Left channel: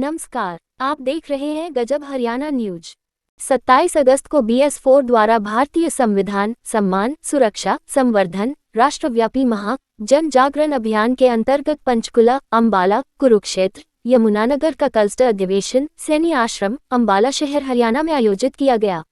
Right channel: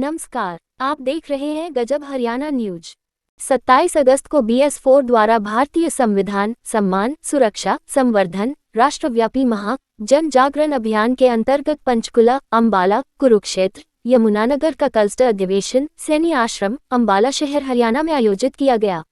नमस्कार, आप देख रहे हैं गजब हरियाणा न्यूज। 27 अगस्त को BS4 द्वारा भारतीय संविधान सम्मान सुरक्षा संवर्धन राष्ट्रव्यापी महा जन जागरण अभियान के अंतर्गत पंचकुला, अम्बाला, कुरुक्षेत्र, यमुनानगर का क्लस्टर अधिवेशन सैनी आश्रम, अम्बाला शहर हरियाणा में आयोजित किया गया,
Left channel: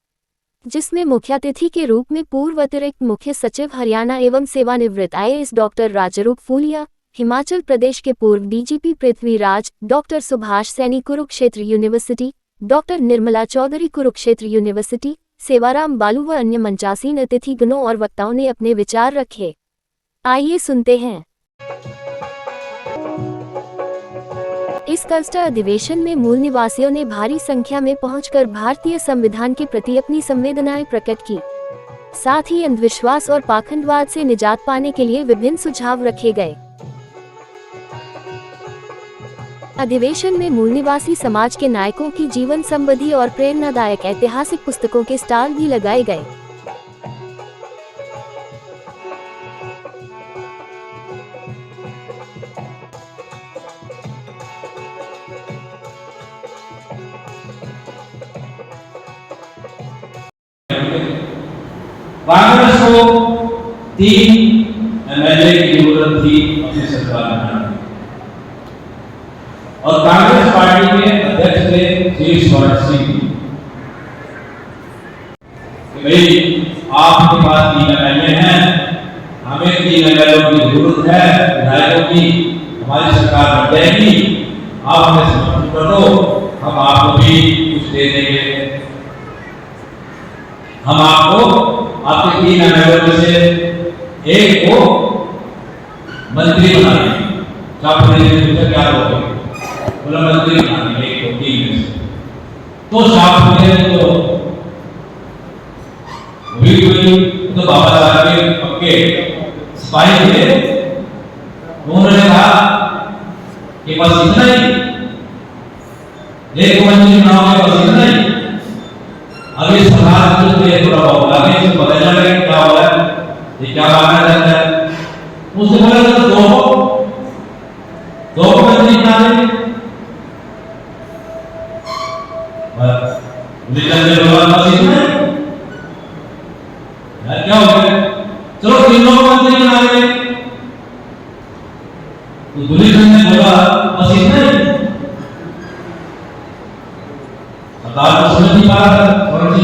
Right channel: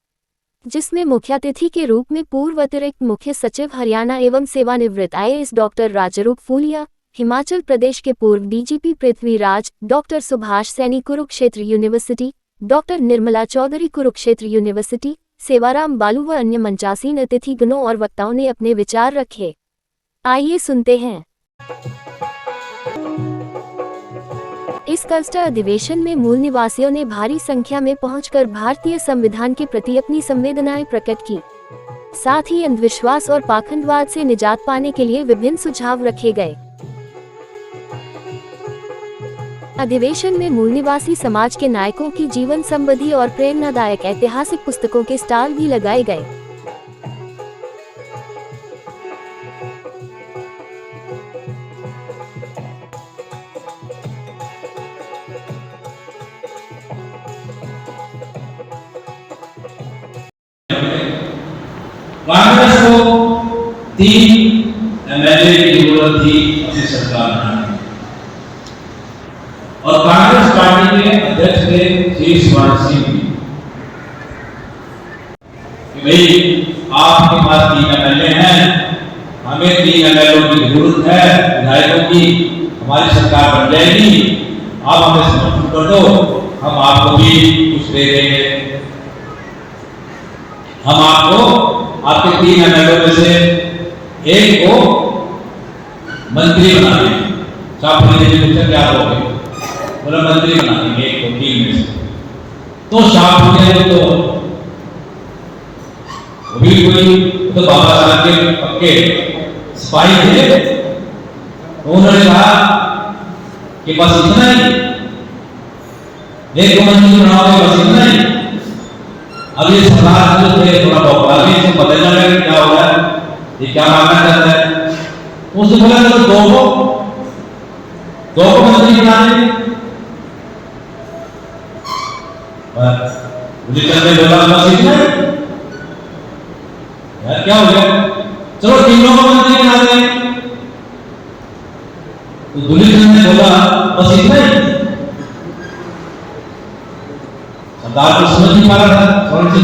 जिसमें मुख्यातिथि के रूप में पूर्व अतिरिक्त मुख्य सचिव हरियाणा एवं सेवानिवृत्त IAS डॉक्टर राजरूप फूलिया, हिमाचल प्रदेश के पूर्व DGP Prithviraj, doctor Subhash Saini Kurukshetra university, doctor Nirmala Chaudhary Kurukshetra university, Sevaram Balu व अन्य मंचासीन अतिथिगणों और वक्ताओं ने अपने विचार रखे। आइए सुनते हैं। इस क्लस्टर अधिवेशन में मूल निवासियों ने भारी संख्या में पहुंचकर भारतीय संविधान के प्रति अपनी संवेदनाएं प्रकट की। साथ ही अंधविश्वास और पाखंडवाद से निजात पाने के लिए विभिन्न सुझाव रखे गए। अधिवेशन में मूल निवासी समाज के नायकों की जीवन संबंधी और प्रेरणादायक ऐतिहासिक पुस्तकों के स्टॉल भी लगाए गए। कांग्रेस को 3 MLA की जरूरत थी अपनी सरकार में, और कांग्रेस पार्टी के अध्यक्ष थे श्री शिवराज सिंह कि भाई आपके पास 3 MLA हैं, हमें 3 MLA की जरूरत है, विधायकों की, हमारी सरकार बन जाएगी, आप हमें समर्थन कर दो, हम आपको भी कुछ दे देंगे, हम आपको आपके 3 MLA में से एक को मंत्री बना देंगे। आपने पूछा क्या होगा, बोला मंत्री बना देंगे एक को 3 में से। तो साहब ने तो भी कोई तो बाबा साहब के पक्के सिपाही थे, उन्होंने कहा कि बस इतना ही, एक को मंत्री बनाओगे बस इतना ही। अगली सरकार जो थे थोड़ा बहुत आगे से पता चल रहा है क्या हो रहा है, ये क्या मानना चाहता है। उसने बोला तो दो को मंत्री बना देंगे। दुलीचंद ने बोला बस इतना ही, यार क्या हो गया, चलो तीनों को मंत्री बना देंगे। तो दुलीचंद ने बोला बस इतना ही। सरदार को समझ नहीं पा रहा था थोड़ी सी,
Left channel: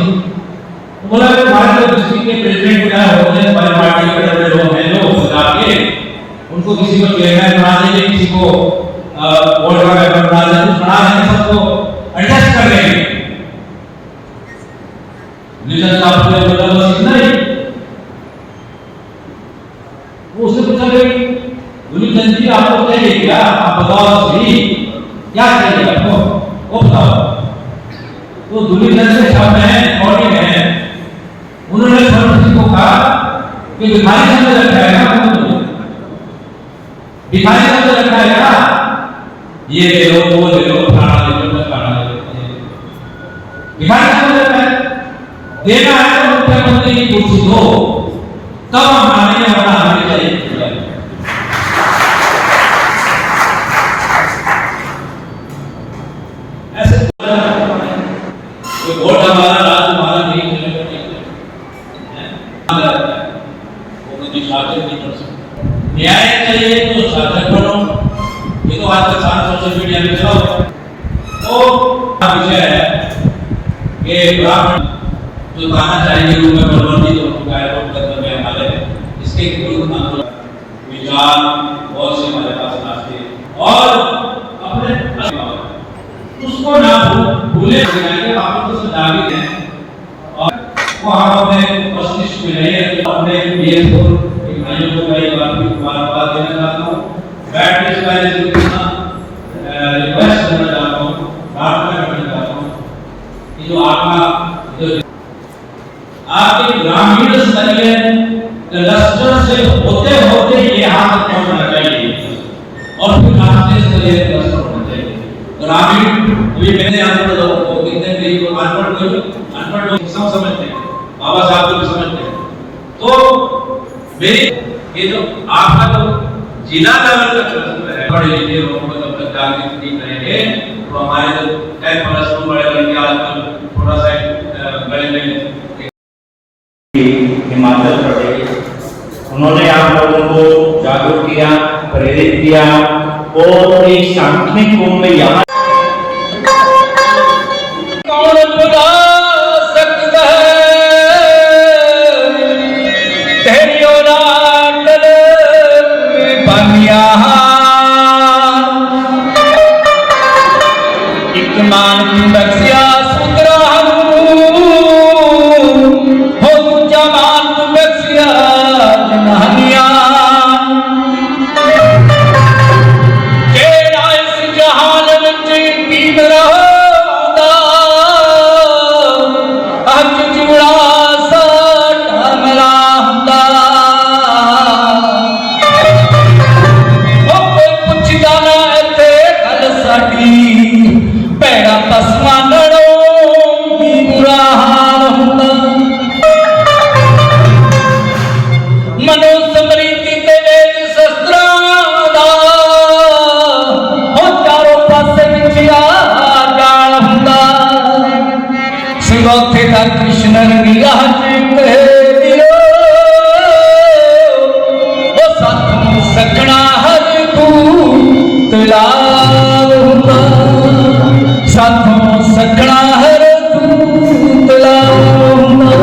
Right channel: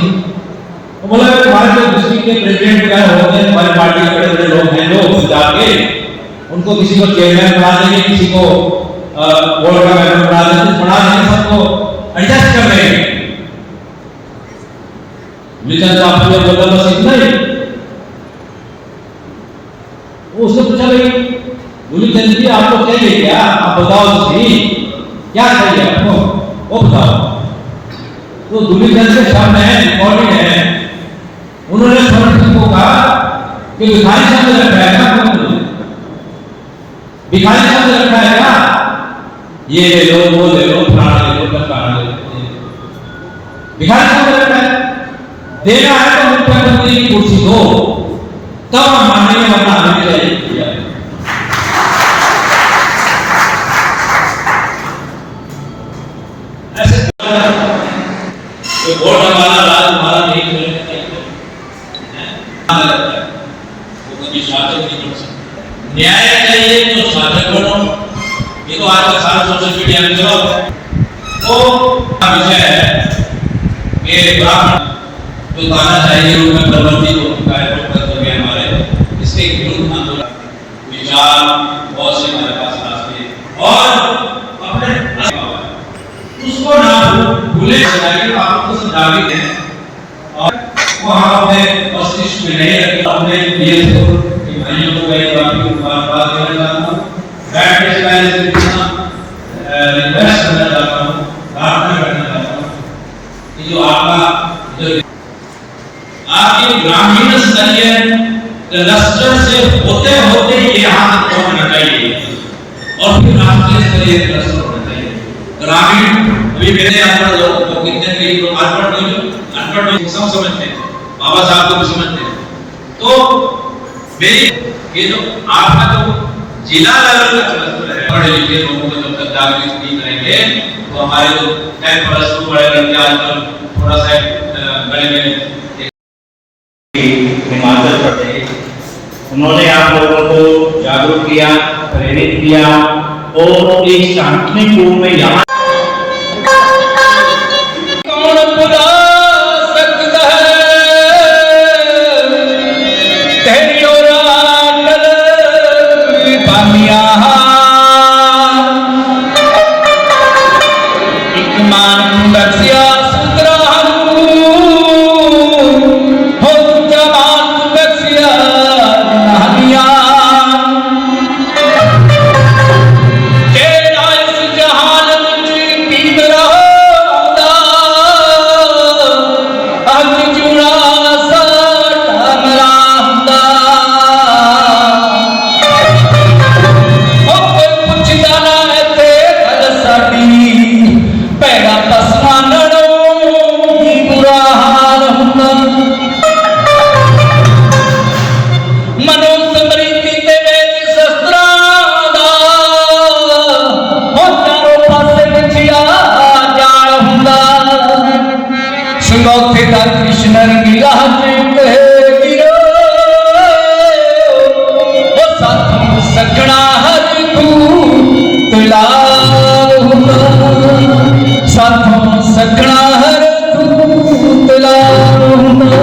तो बोला हमारे जो डिस्ट्रिक्ट के प्रेसिडेंट क्या होते हैं, हमारे पार्टी के बड़े बड़े लोग हैं जो पंजाब के, उनको किसी को चेयरमैन बना देंगे, किसी को बोर्ड का मेंबर बना देंगे, बना देंगे, सबको एडजस्ट कर लेंगे। दुलीचंद साहब ने बोला बस इतना ही। वो उसने पूछा भाई दुलीचंद जी आपको चाहिए क्या, आप बताओ सही क्या चाहिए आपको, वो बताओ। तो दुलीचंद के शब्द हैं, रिकॉर्डिंग है, उन्होंने स्वर्ण सिंह को कहा कि भिखारी शब्द रखा है ना, भिखारी शब्द रखा है ना, ये ले लो वो ले लो फलाना ले लो फलाना ले लो, भिखारी शब्द रखा है। देना है तो मुख्यमंत्री की कुर्सी दो, तब हम मानेंगे, वरना हमें चाहिए। ऐसे तो वोट हमारा राज हमारा नहीं चलेगा, वो कभी शासक नहीं कर सकता। न्याय चाहिए तो शासक बनो, ये तो आजकल सारा सोशल मीडिया में चलो। तो विषय है कि ब्राह्मण जो ताना चाहिए रूप में प्रबंधित होता है कर्तव्य हमारे, इसके विरुद्ध आंदोलन विचार बहुत से हमारे पास रास्ते और अपने उसको ना भूले जाइए, आप उसको नागरिक हैं और वो हम अपने मस्तिष्क में नहीं रखते। अपने BS4 के भाइयों को मैं काफी बात देना चाहता हूँ, बैठ के पहले से रिक्वेस्ट करना चाहता हूँ, प्रार्थना करना चाहता हूँ कि जो आपका जो आपके ग्रामीण स्तरीय क्लस्टर से होते होते ये हाथ होना चाहिए और फिर राष्ट्रीय स्तरीय क्लस्टर होना चाहिए। ग्रामीण अभी मेरे अनपढ़ लोग तो कितने भी लोग अनपढ़ लोग समझते हैं, बाबा साहब को भी समझते हैं। तो वे ये जो आपका जो जिला लेवल का क्लस्टर है, पढ़े लिखे लोगों को जब तक जागृत नहीं करेंगे तो हमारे 10+2 बड़े लड़के आजकल थोड़ा सा बड़े में हिमाचल प्रदेश, उन्होंने आप लोगों को जागरूक किया, प्रेरित किया और एक सांस्कृतिक रूप में यहाँ कौन बुला सकता है तेरी और आटल पानिया एक मान की बख्शिया सुंदरा हो जमान की बख्शिया जनानिया के इस जहान में कीम रहोदा अज जुड़ा सा टामला हुंदा कोई पुछदा ना ते गल साडी पैड़ा पसमानड़ो की बुरा हाल हुंदा मनो समृद्धि ते वेद शस्त्रां दा हो चारों पासे विछिया जाल हुंदा शिवोथे दा कृष्ण रंगीला कहे वीरो ओ साथों सगना हर तू तुलाव हुंदा साथों सगना हर तू तुलाव हुंदा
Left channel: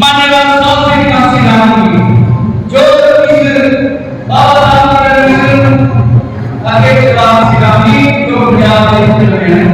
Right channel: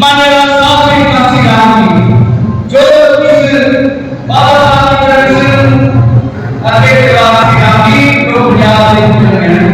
मान्यवर स्वामी काशीराम जो बाबा अकेले काशीराम को याद हैं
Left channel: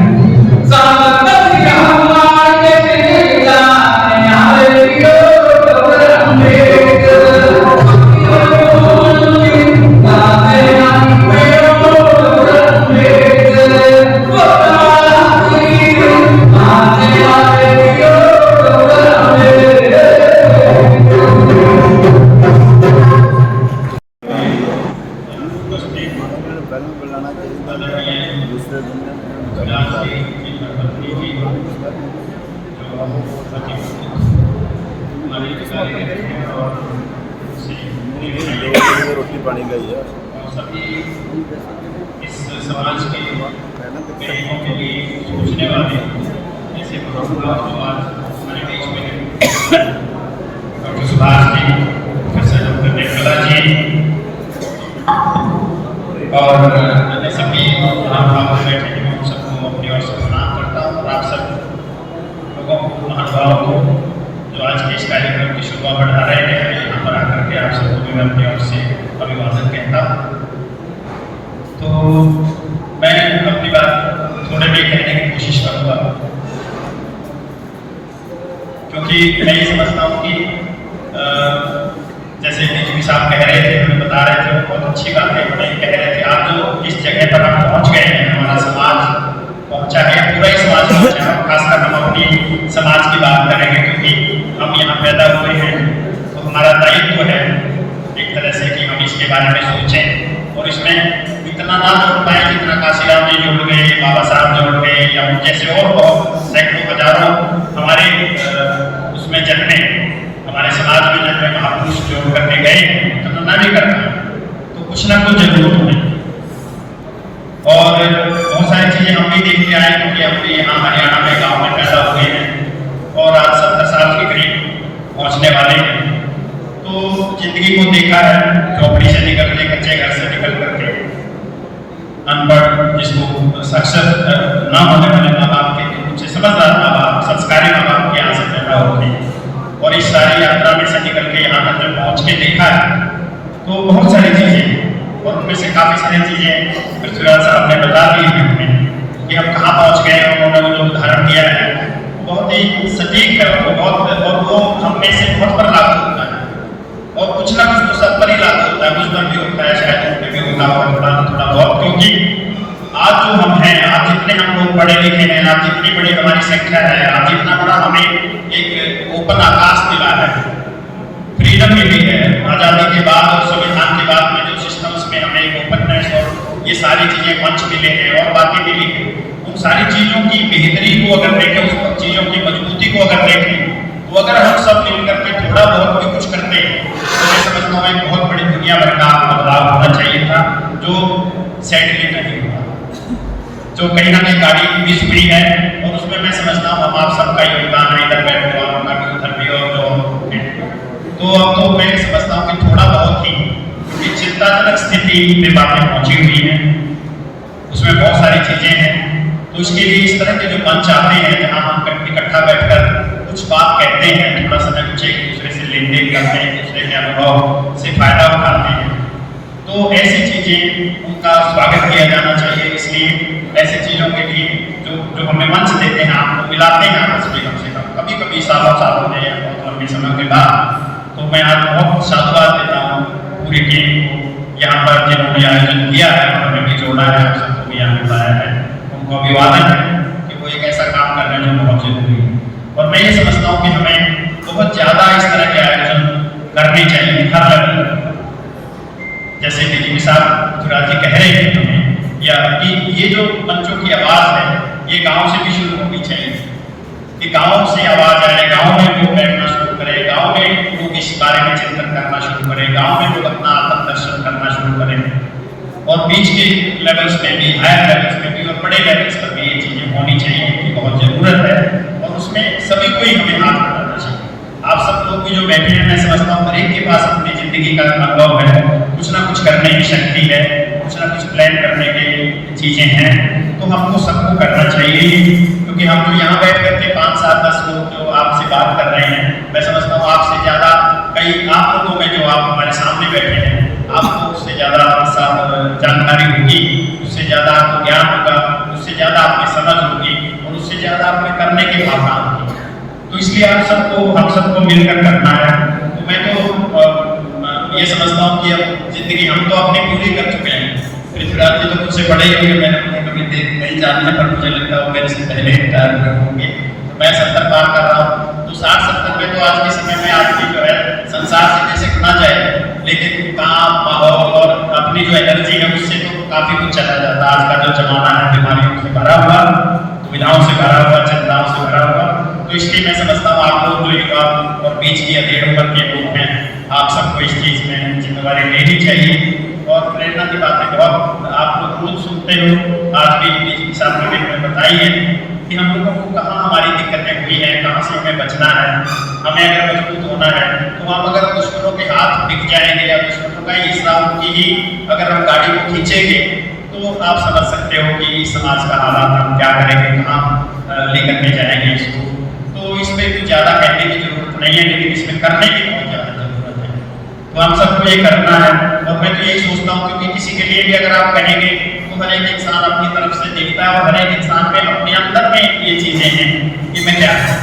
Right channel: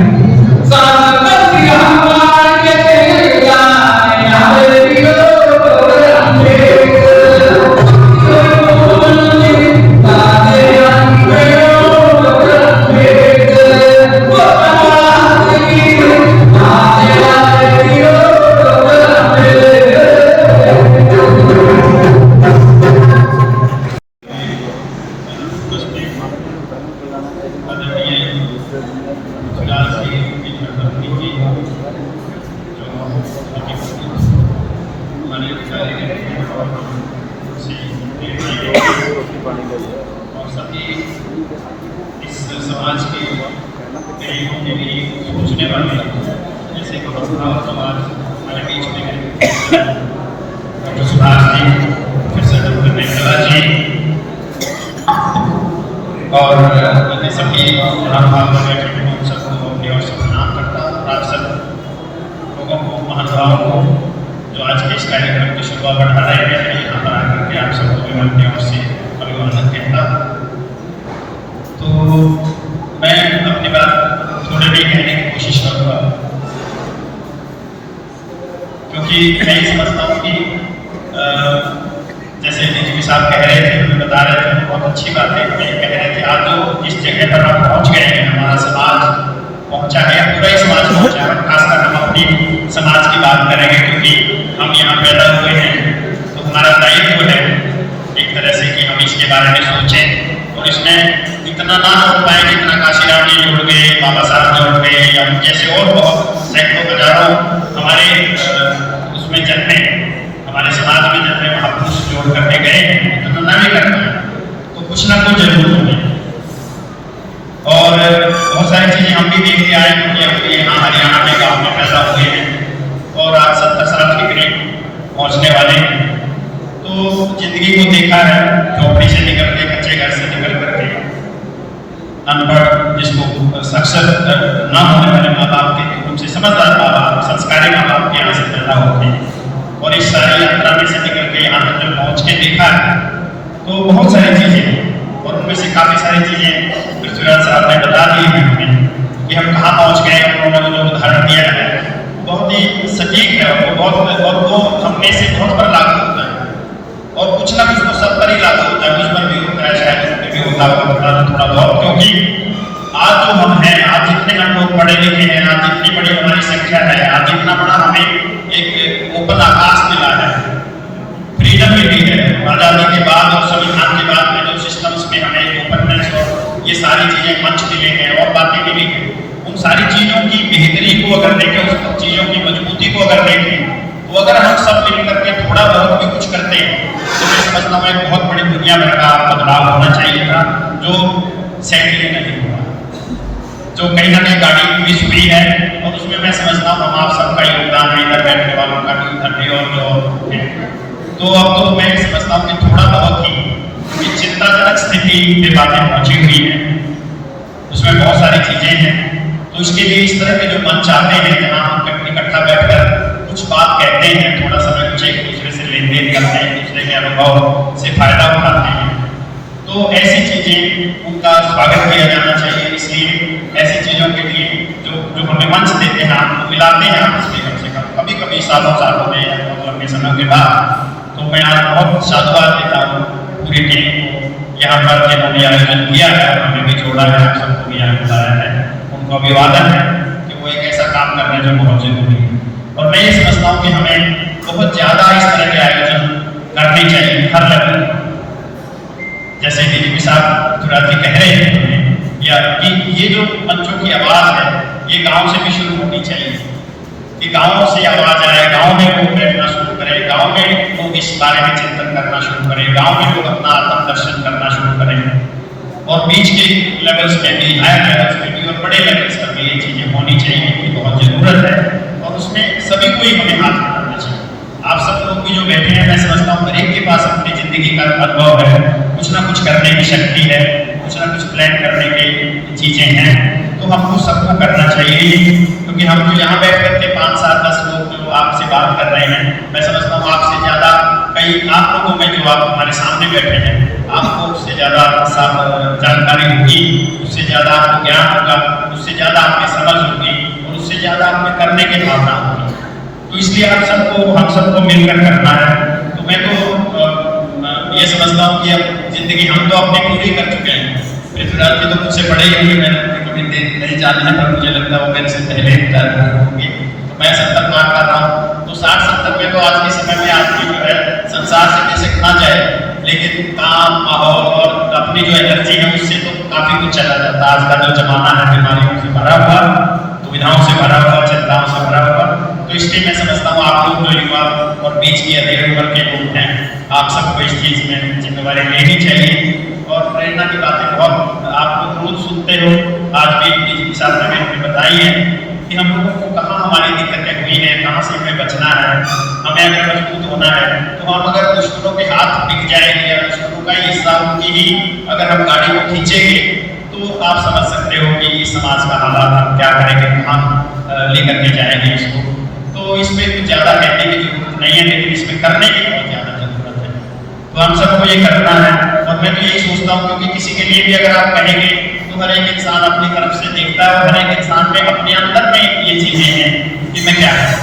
और सभी इस समाज के गरीबों के लिए सोचने वाले ऐसे महानुभाव जो आज हमारे बीच में हैं, doctor Subhash ji, professor doctor Nirmala ji और अन्य सभी महानुभाव बैठे हैं, उन सबको अपनी ओर से प्रणाम करता हूँ। आप सब लोगों को, महानुभावों को जो आज के इस कार्यक्रम की शुरुआत बढ़ा रहे हैं, यहाँ पर आकर के आप सबको भी अपनी ओर से अभिवादन कहता। तो मैं अपनी बात थोड़े भी कहने की कोशिश करूँगा, क्योंकि मैं ये समझता हूँ कि जैसे डीजीपी साहब कह रहे थे, बता रहे थे, बहुत अच्छी बात है। हमें कह रहे थे आज जो इस जगह पर हम पहुँच गए हैं, हमारा समाज पहुँचा है, पूरा ही समाज पहुँचा है। खासकर हम अपनी समाज की बात करेंगे, क्योंकि हम यहाँ पैदा हुए हैं, तो हमारा दायित्व है एक तरह से कि हम इसके बारे में सोचें और इसमें इतना ना जोड़ पाए जितना काशीराम जी जोड़ गए, बाबा साहब जोड़ गए, या जैसे और बहुत सैकड़ों हजारों हमारे उसमें जन्मे, हमारे समाज में जन्मे महापुरुष जोड़ करके गए, उतना ना भी करना है तो कुछ ना कुछ जरूर होना। और बहुत सारी चीज़ें हम भी देख के आए, क्योंकि हम भी यहाँ हरियाणा में गाँव में पैदा हुए हैं और आज 70 साल के करीब पहुँचने वाले हैं। तो जिंदगी को देखा है, झोपड़ी से निकल के, कच्चे घर से निकल करके, अनपढ़ जिसको साक्षर न होने वाले माँ बाप के उनसे समझदार माँ बाप, संस्कारी माँ बाप के यहाँ से पैदा होते हैं और इस सारी यात्रा में से निकल के यहाँ तक जब पहुँच के देखा है तो बहुत सारी चीज़ें, और उनमें से काफ़ी सारी चीज़ें पृथ्वीराज साहब ने बता दी है हमें कि हम कहाँ पहुँच गए। उन्होंने वो जो उदाहरण दिया है बहुत ही सटीक है, और वो हम में से बहुत पर लागू होता है, और कुछ ना कुछ तो सब पर ही लागू होता है, मुझ पर भी होता है, शायद उन पर भी होता होगा थोड़ा बहुत। क्योंकि आज जो हम हैं, आज जितने हम लोग पढ़े लिखे हैं, आज जितनी बड़ी हमारी संख्या है, आज जितना बड़ा हमें एक ओपन आकाश मिला है, फ्रीडम मिली है आज़ादी के बाद और संविधान के बाद में जो सिस्टम्स में हमें ओपननेस और ये सारी चीज़ें मंच मिले हैं और बातें मिली हैं, उन सारी चीज़ों की बेहतरी को अगर देखें, उस चीज़ों की मजबूती को अगर देखें, वो अगर हम सब मिल करके थोड़ा बहुत भी कुछ करते हैं तो मैं समझता हूँ एक बहुत बड़ी दुनिया भर का बदलाव होना चाहिए था, जो सैडली नहीं हुआ, जो कहीं ना कहीं गाड़ी मिस हुई है। और उसमें मैं समझता हूँ हम आप सबका योगदान है, इधर बैठने वालों का भी, उधर भी, और जो है। तो अब तो मैं समझता हूँ कि थोड़ा बहुत ही चिंताजनक स्थिति में बातें पहुँची हुई हैं, उसमें बहुत सारी चीज़ें हैं। तो इसके लिए इस तरह के जो मंच आते हैं जहाँ हम इकट्ठा बैठकर कुछ बात कहते हैं, थोड़ा समय कुछ एक दूसरे से लेन देन करते हैं, दूसरे के अनुभव से फायदा उठाते हैं, तो ऐसी चीज़ें उनका स्वागत किया जाना चाहिए। इसलिए ऐसी चीज़ों के लिए जो हमें मंच देते हैं, आपको मिलाते हैं आपस में कम से कम, कभी कभी सालों सालों में या बहुत लंबे समय के बाद। तो मैं आज बहुत साधुवाद देता हूँ पूरी टीम को, यहाँ पर जिन्होंने आयोजन किया है और हमें भी जोड़ा है, आप सबको भी यहाँ बुलाया है, उनको अभिवादन है कि वो एक ऐसा काम कर रहे हैं जो बहुत जरूरी है। और मैं ये समझता हूँ कि हमें बहुत ज़्यादा इस तरह के आयोजन करने चाहिए हर लेवल, जैसे डीजीपी साहब गुजराती कह रहे हैं हमें, या कि ये जो बच्चों की आवाज़ है ये गांव से भी शुरू होनी चाहिए, कि गांव से आवाज़ आए, गांव में लोग बैठना शुरू करें, गांव में लोग इस बारे में चिंतन करना शुरू करें, गांव में लोग अपना आत्मदर्शन करना शुरू करें, और बीच के लेवल्स में भी, हायर लेवल्स में भी और बड़े लेवल्स पर भी ये चीज़ें होनी चाहिए, इनकी बहुत ज़रूरत है। और उसमें सभी को ही हमें हाथ बढ़ाना चाहिए। आप सब लोग भी जो बैठे हैं, मैं समझता हूँ हर एक के पास अपनी ज़िंदगी का अनुभव है, कुछ ना कुछ करने की शक्ति है, कुछ ना कुछ प्लान करने की चीज़ें हैं। तो तो हमको सबको करना चाहिए, क्योंकि हम जो यहाँ बैठ करके 5, 7, 10 लोग जो आपसे बात कर रहे हैं, मैं समझता हूँ आपसे ज़्यादा कई आप लोगों में जो आप हमारे सामने बैठे हैं, आपको उससे ज़्यादा जानकारी होगी, उससे ज़्यादा आपको ज्ञान होगा, उससे ज़्यादा आपकी समझ होगी और उससे ज़्यादा आपके करने की भावना होगी। तो इसलिए आप सबको हम सबको मिलकर करना है। तो मैं तो ये समझता हूँ कि अब जिंदगी हम तो अपनी पूरी कर चुके हैं। पृथ्वीराज जी तो मुझसे बड़े ही होंगे, मैंने कभी नहीं जाना है, पर मुझे लगता है वो मेरे से पहले रिटायर होंगे। तो मैं 70 पार कर रहा हूँ, तो 60-70 में तो आज के समय में आदमी जो है संसार से जैसे ना जाए, लेकिन काम, माहौल और अपनी जो एनर्जी है उससे तो काफी कुछ चला जाता है। आज का जो जमाना है बीमारियों से भरा हुआ, दुविधाओं से भरा हुआ, चिंताओं से भरा हुआ। तो इसलिए मैं समझता हूँ आप लोग जो युवा और बीच की अधेड़ उम्र के लोग हैं, आप सबको इस चीज में जिम्मेवारी लेनी चाहिए। और प्रेरणा की बातें बहुत आप लोग रोज सुनते हो, आज भी साहब ने हमें बताई है कि हम लोगों को कहाँ हमारी दिक्कतें हुई हैं, कहाँ से हमें बचना है। हमें अगर मजबूत होना है तो हम अगर दुश्मनों के हाथ बिक जाएंगे या दुश्मनों का हिस्सा उनकी ही अगर हम गाड़ी को खींचेंगे, तो आप समझ सकते हो कि इस समाज का हालात हम क्या करेंगे, कहाँ लेकर के जाएंगे इसको। तो इसमें कुछ ज़्यादा कहने की जरूरत नहीं है, लेकिन इसमें करने की बहुत ज़्यादा जरूरत है। तो हम सबको ये करना है। और मैं तो यही सोचता हूँ, क्योंकि किसी के लिए भी अगर आप कहेंगे तो हर एक इंसान अपनी तरफ से देखता है और हर एक इंसान में अपने अंदर में ये चीजें हैं कि मैं क्या है।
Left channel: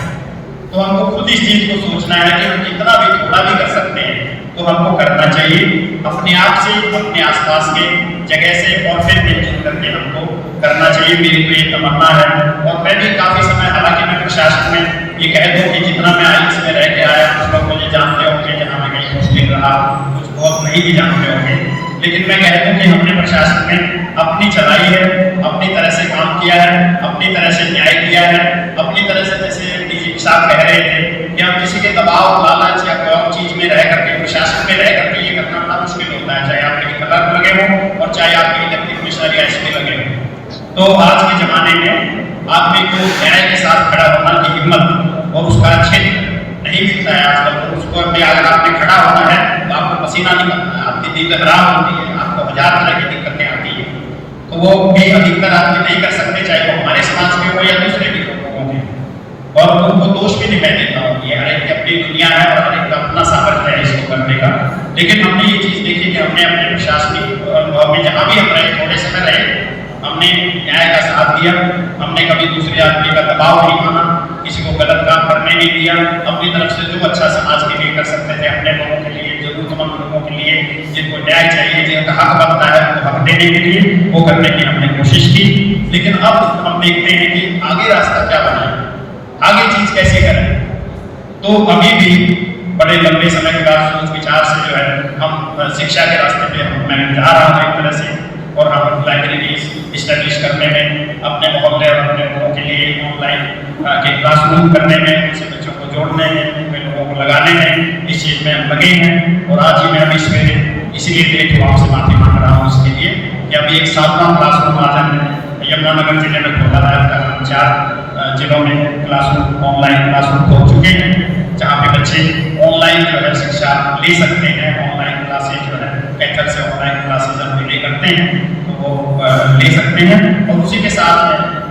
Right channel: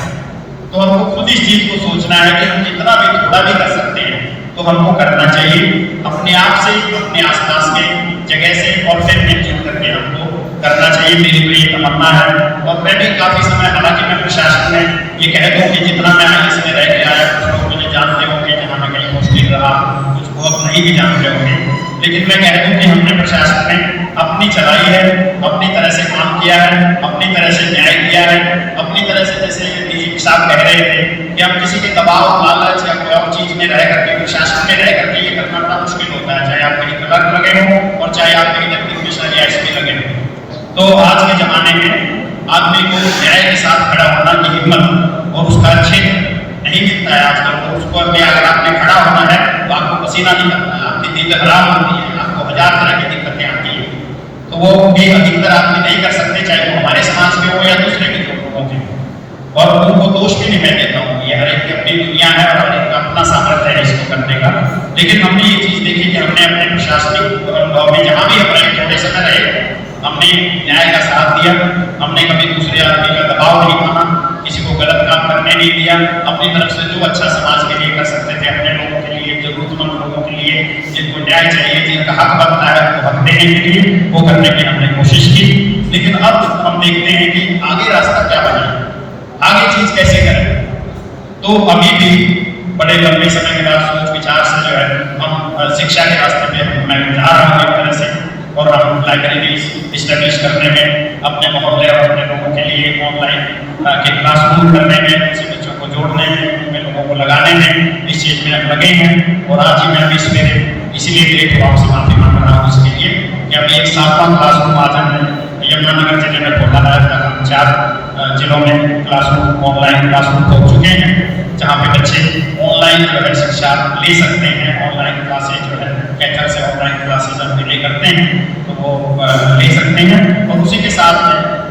तो हमको खुद इस चीज को सोचना है कि हम जितना भी थोड़ा भी कर सकते हैं तो हमको करना चाहिए, अपने आप से, अपने आसपास के जगह से, और फिर मिलजुल करके हमको करना चाहिए। मेरी तो ये तमन्ना है। और मैं भी काफी समय, हालांकि मैं प्रशासन में ये कह दूँ कि जितना मैं IAS में रह के आया, कुछ लोग मुझे जानते होंगे जहाँ मैं कहीं मुश्किल रहा, कुछ बहुत नहीं भी जानते होंगे, लेकिन मैं कह दूँ कि हमने प्रशासन में अपनी चलाई है, अपनी तरह से काम किया है, अपनी तरह से न्याय किया है, अपनी तरह से, जैसे DGP साहब कह रहे थे कि हम किसी के दबाव, लालच या कोई और चीज में रह करके, प्रशासन में रह करके ये करना बड़ा मुश्किल होता है, चाहे आप कहीं क्लर्क लगे हो और चाहे आप कहीं डिप्टी कमिश्नर या SP लगे हो। तो आज के जमाने में आदमी को न्याय के साथ खड़ा होना की हिम्मत और उसका क्षेत्र नहीं मिलता है आजकल। तो उसको अगर आपने खड़ा होना है तो आपको पसीना निकलता है, आपकी दिल खराब होती है, आपको 1000 तरह की दिक्कतें आती है। तो वो भी अधिकतर आदमी नहीं कर सकते, चाहे वो हमारे समाज के हो या दूसरे के लोगों के। और उनको दोष भी नहीं मैं देता हूँ, ये हर एक की अपनी दुनिया है और हर एक का अपना सामर्थ्य है इसको करने का। लेकिन हमने ये चीज देखी कि हमने अपने प्रशासनिक अनुभव में जहाँ भी हम रहे, थोड़े समय रहे, हमने न्याय का साथ दिया, हमने कभी दूसरे आदमी का दबाव नहीं माना, किसी को गलत काम करने नहीं दिया, अपनी तरफ से जो अच्छा समाज के लिए कर सकते थे, अपने लोगों के लिए, जरूरतमंद लोगों के लिए, जिनको न्याय चाहिए, जिनका हक बनता है उनको हक देने के लिए, वो करने की हमने कोशिश की। लेकिन अब हम देखते हैं कि आगे रास्ता क्या बना है, आगे चीज कैसे करें। तो अभी भी बड़े लंबे समय के बाद सोच विचार से जो है हम शिक्षा के रास्ते पे मैं जा रहा हूँ एक तरह से, और हम लाइब्रेरी इस्टेब्लिश करने में, अपने मोहल्ले और अपने लोगों के लिए ऑनलाइन के क्लासरूम करने में, उनसे बच्चों को जोड़ने में, उनमें लोगों को लगाने में, इस चीज़ में हम लगे हैं। और आज ही मैं अभी सवेरे इसीलिए लेट हुआ, आपसे माफी मांग रहा हूँ इसके लिए कि अभी एक 7वां क्लासरूम आज हम यमुनानगर जिले में खोला है। अब तक हम 4 जिलों में क्लासरूम, ऑनलाइन क्लासरूम हो चुके हैं, जहाँ पे बच्चे ऑनलाइन जो है शिक्षा ले सकते हैं। ऑनलाइन क्लासेज जो है कैथल से ऑनलाइन क्लासेज हम डिले करते हैं, तो वो ले सकते हैं। और उसी के साथ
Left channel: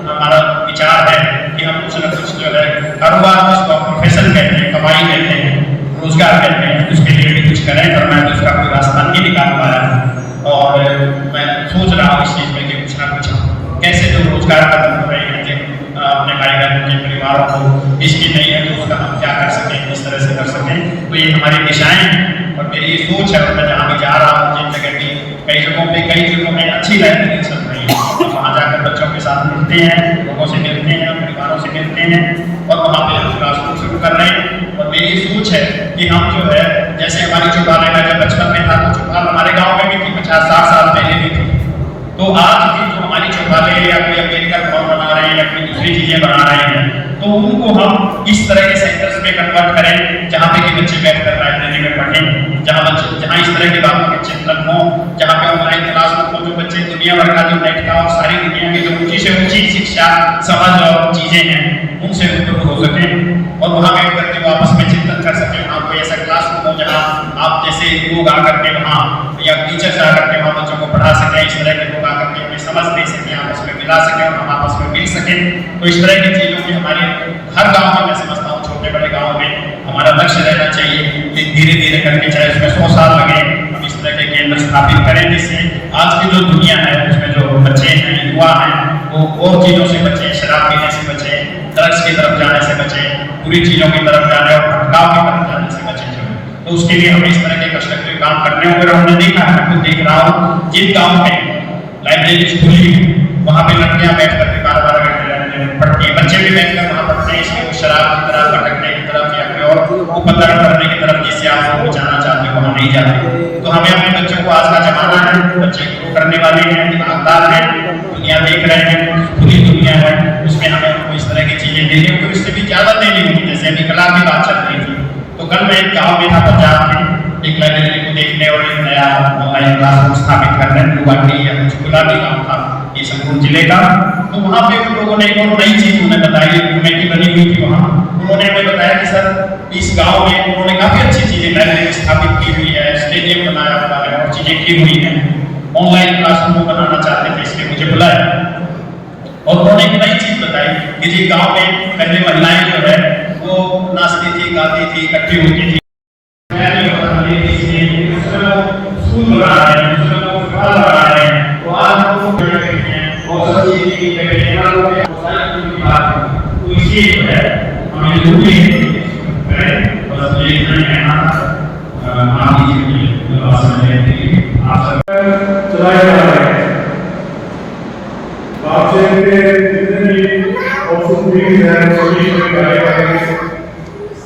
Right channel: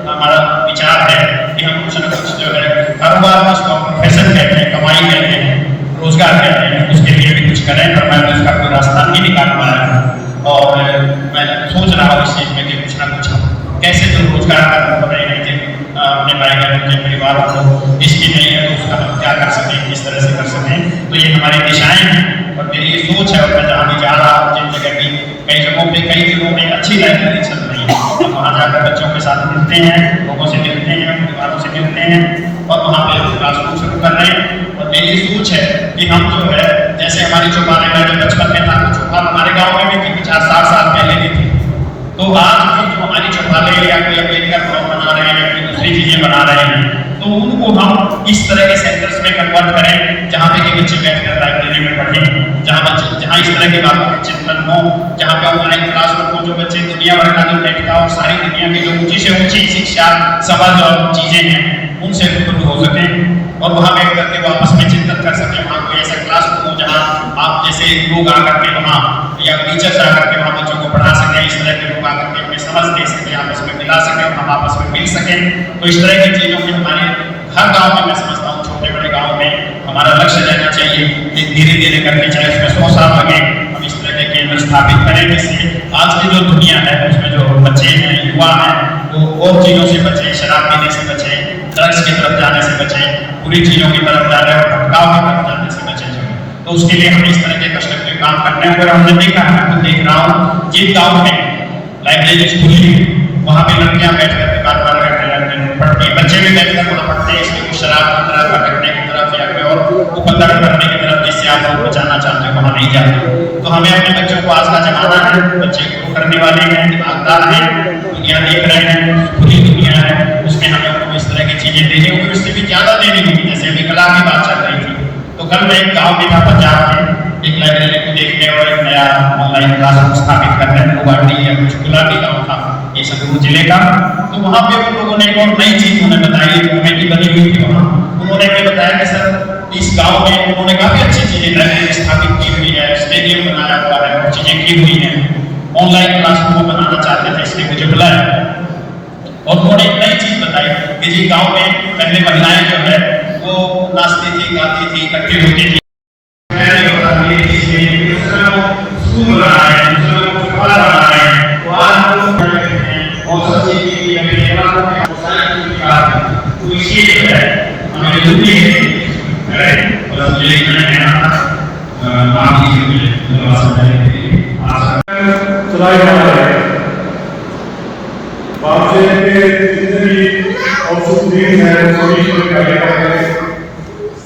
हमारा विचार है कि हम कुछ न कुछ जो है कारोबार, जिसको प्रोफेशन कहते हैं, कमाई कहते हैं, रोजगार कहते हैं, उसके लिए भी कुछ करें। पर मैं उसका कोई रास्ता नहीं निकाल पाया और मैं सोच रहा हूँ इस चीज़ में कि कुछ ना कुछ कैसे जो रोजगार कर रहे हैं अपने भाई बहनों के परिवारों को, इसकी नहीं है तो उसका हम क्या कर सकें, किस तरह से कर सकें। तो ये हमारी दिशाएं हैं और मेरी ये सोच है। और मैं जहाँ भी जा रहा हूँ, जिन जगह भी कई जगहों में अच्छी लाइब्रेरी चल रही है, हम वहाँ जाकर बच्चों के साथ मिलते हैं, लोगों से मिलते हैं, परिवारों से मिलते हैं और वहाँ पे हम क्लासरूम शुरू कर रहे हैं। और मेरी सोच है कि हम जो है, जैसे हमारी चौपाल में जो बचपन में था, तो चौपाल हमारे गाँव में भी थी, 50-60 साल पहले भी थी। तो आज भी जो हमारी चौपालें या कोई अम्बेडकर भवन बना रहे हैं या कोई दूसरी चीजें बना रहे हैं, तो उनको हम इस तरह के सेंटर्स में कन्वर्ट करें, जहाँ पे कि बच्चे बैठकर लाइब्रेरी में पढ़ें, जहाँ इस तरह की बातों के चिंतन हो, जहाँ पे ऑनलाइन क्लास हो, जो बच्चे दुनिया भर का जो नेट का और सारी दुनिया की जो ऊंची से ऊंची शिक्षा, समझ और चीजें हैं, उनसे रूबरू हो सके और वहाँ बैठ करके वो आपस में चिंतन कर सके। वहाँ कोई ऐसा क्लास हो जहाँ आप जैसे लोग आकर के वहाँ या टीचर्स आकर के वहाँ बच्चों को पढ़ा सकें, इस तरह के लोग आकर के हमें समझ दे सकें, आपस में मिला सकें और हम आपस में मिल सकें। तो इस तरह की चीज़ों की हमारे हर गाँव में, मैं समझता हूँ छोटे बड़े गाँव में हमारा लक्ष्य रहना चाहिए कि धीरे धीरे करके, चाहे उसमें 100 साल लगे, हम इस तरह के केंद्र स्थापित करें जिससे आज की जो दुनिया है उसमें जो बच्चे हैं, युवा हैं, वो और चीज़ों से बचें, शराब पीने से बचें, ड्रग्स की तरफ जाने से बचें, बुरी चीज़ों की तरफ जाने और भटकाव की तरफ जाने से बचें। तो उसके लिए हमें इस तरह के कंस्ट्रक्टिव काम करने होंगे। हमने देखा है, मैं खुद देख रहा हूँ, जिन गाँव में लाइब्रेरी खुली वहाँ पे लड़कियाँ बैठ करके 12-12 घंटे पढ़ती हैं, बच्चे भी बैठ कर वहाँ पढ़ते हैं, इसलिए वो शराब की तरफ, भटकने की तरफ या फिर और उपद्रव करने की तरफ जिससे आप लोग बचाना चाहते हो वहाँ नहीं जाते। तो हमें अपने बच्चों को, आज का जमाना है, बच्चे ग्रो करने वाले हैं, दिमागदार हैं, दुनिया देख रहे हैं, पूरी दुनिया है, उसमें हमें उनको इस तरह की चीजें देनी होगी, उससे भी ज्यादा देनी होगी। जैसे अभी कला की बात चल रही थी, तो कल मैं एक गाँव में था पंजाब में, एक लाइब्रेरी को देखने और एक नया ऑनलाइन क्लासरूम स्थापित करने, गुवाहाटी या कुछ गुलाबी गाँव था ये संगरूर जिले का। तो वहाँ पे उन लोगों ने एक और नई चीज उन्हें बताई, कमेटी बनी हुई थी वहाँ, उन्होंने हमें बताया कि सर इस गांव में उन्होंने काफी अच्छी चीजें लाइब्रेरी स्थापित की हुई है, स्टेडियम बनाया हुआ है और चीजें की हुई हैं, ऑनलाइन क्लासरूम को बनाना चाहते थे, इसलिए मुझे बुलाया। और उन्होंने एक नई चीज बताई कि जी गांव में पहले महिलाएं जो है वो नाचती थी, गाती थी, इकट्ठी होती थी, स्कूल बना रहे हैं, बना रहे हैं, तो आज और सब चीज तो इसलिए जो है हमें जरूरी है और ये चलाया जा रहा है। बापसे के जितने भी औषधीय हैं सभी शुरू करे गए हैं